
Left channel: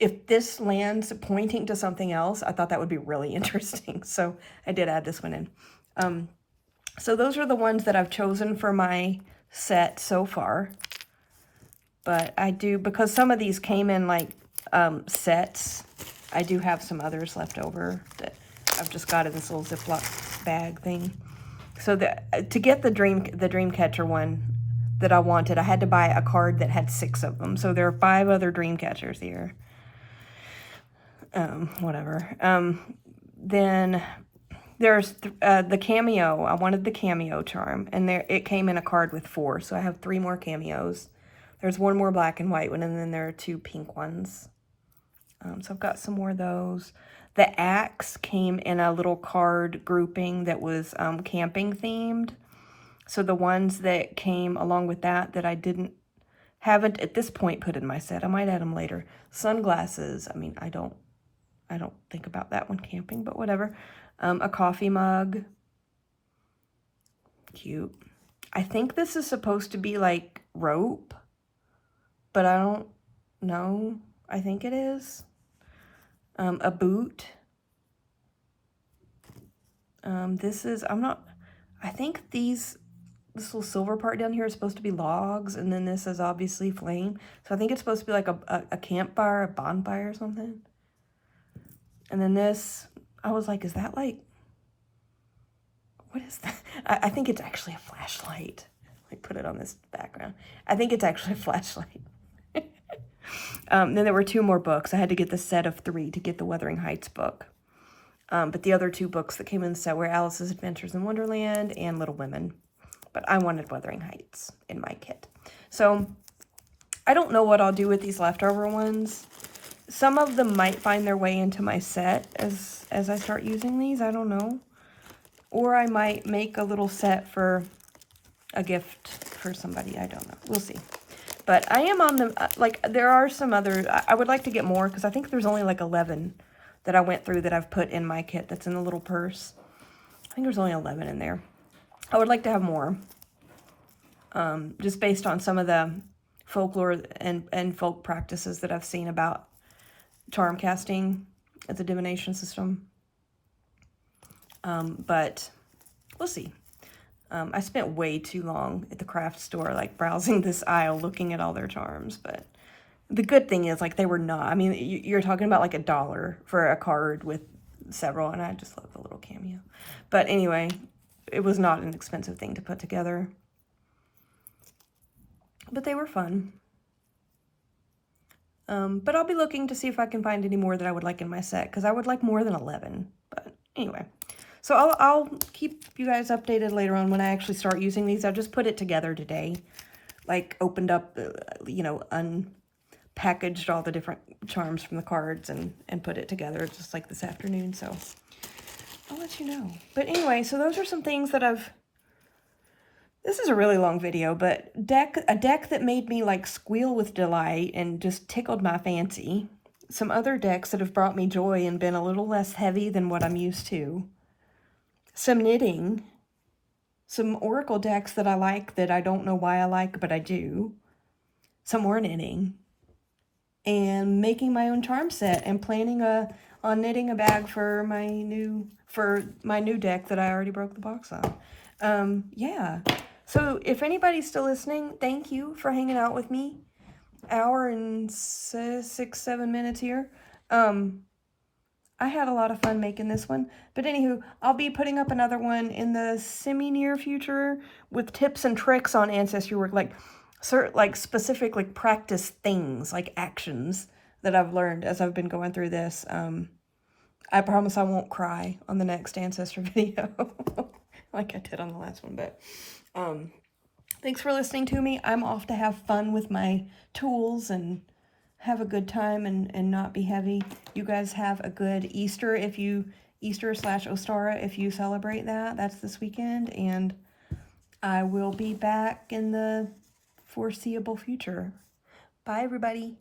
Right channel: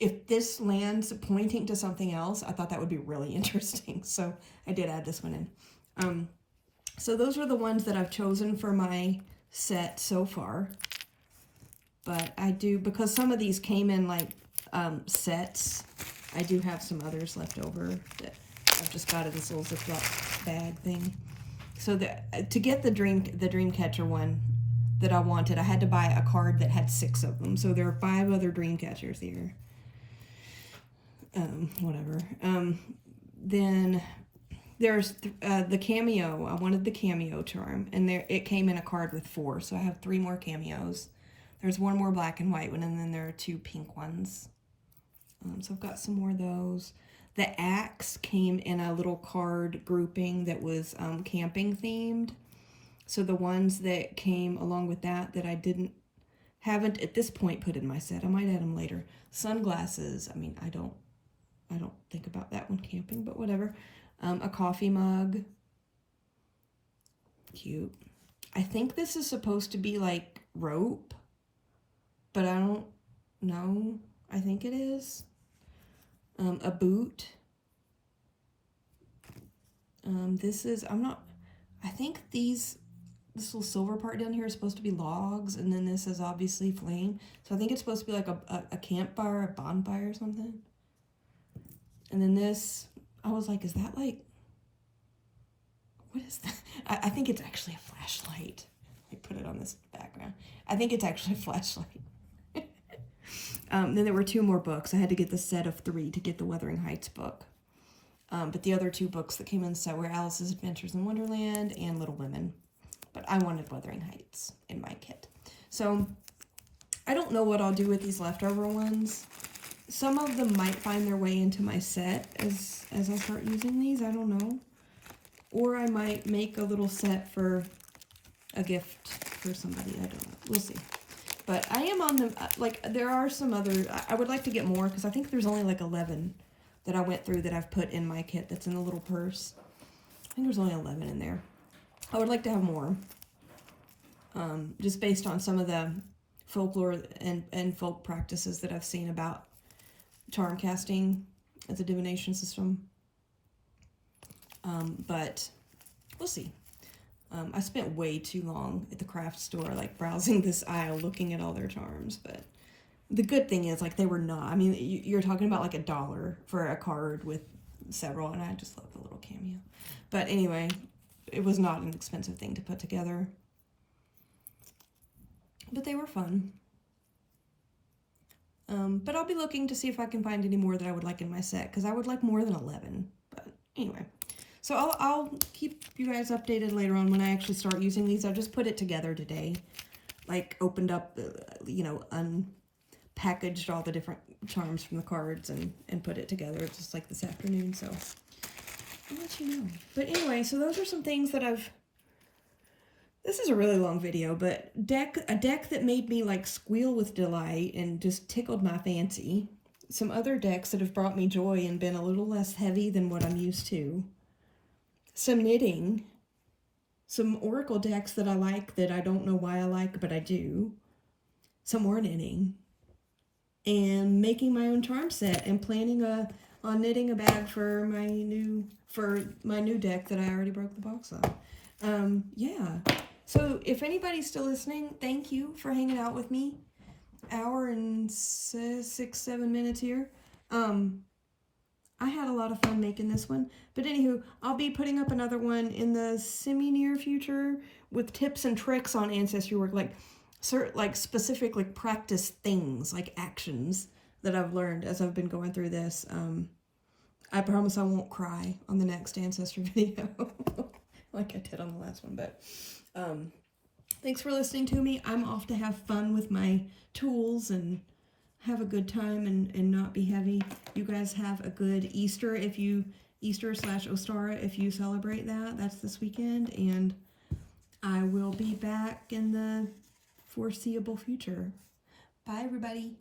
if this lands pointing to something else, I thought that would be really interesting. So I did add this one in. So those are the ones that I've chosen for my set so far. But I do, because some of these came in like sets, I do have some others left over that I've just got in this little Ziploc bag thing. So to get the dream catcher one that I wanted, I had to buy a card that had 6 of them. So there are 5 other dream catchers here. Whatever. Then there's the cameo. I wanted the cameo charm, and it came in a card with 4. So I have 3 more cameos. There's 1 more black and white one, and then there are 2 pink ones. So I've got some more of those. The axe came in a little card grouping that was camping themed. So the ones that came along with that I haven't at this point put in my set. I might add them later. Sunglasses. I mean, I don't think about that one camping, but whatever. A coffee mug. Cute. I think this is supposed to be like rope, but I don't know. I think it is. A boot. This is, I think this little silver part down here is supposed to be logs, and then this is obviously flame. So I think it's supposed to be like a campfire, a bonfire or something. And then this, I was like, is that like, what is that? I think it's actually a flashlight. I put it on this background. I think it's actually a flashlight. Then there were 2 more books. I had to get the set of 3 to get the Wuthering Heights book. But the other 2 books that came in the set were Alice's Adventures in Wonderland and Little Women. But I wanted Wuthering Heights in my kit. So I don't know what I'll do with these leftover ones. Some of them might find their way into my set as I start using these. I don't know. Or I might make a little set for a gift for somebody. I don't know. We'll see. But I am on the, like, there are some others. I would like to get more because I think there's only like 11 that I went through that I've put in my kit that's in the little purse. I think there's only 11 in there. I would like to have more. Just based on some of the folklore and folk practices that I've seen about charm casting as a divination system. But we'll see. I spent way too long at the craft store, like browsing this aisle, looking at all their charms. But the good thing is, like, they were not. I mean, you're talking about like $1 for a card with several, and I just love the little cameo. But anyway, it was not an expensive thing to put together. But they were fun. But I'll be looking to see if I can find any more that I would like in my set, because I would like more than 11. But anyway, so I'll keep you guys updated later on when I actually start using these. I've just put it together today, like opened up, you know, unpackaged all the different charms from the cards and put it together just like this afternoon. So I'll let you know. But anyway, so those are some things that this is a really long video, but a deck that made me like squeal with delight and just tickled my fancy. Some other decks that have brought me joy and been a little less heavy than what I'm used to. Some knitting. Some Oracle decks that I like that I don't know why I like, but I do. Some more knitting. And making my own charm set and planning on knitting a bag for my new deck that I already broke the box on. Yeah. So if anybody's still listening, thank you for hanging out with me. Hour and 6-7 minutes here. I had a lot of fun making this one. But anywho, I'll be putting up another one in the semi-near future with tips and tricks on ancestry work, like specific like practice things, like actions that I've learned as I've been going through this. I promise I won't cry on the next ancestor video like I did on the last one. But thanks for listening to me. I'm off to have fun with my tools and have a good time and not be heavy. You guys have a good Easter Easter/Ostara if you celebrate that. That's this weekend, and I will be back in the foreseeable future. Bye, everybody.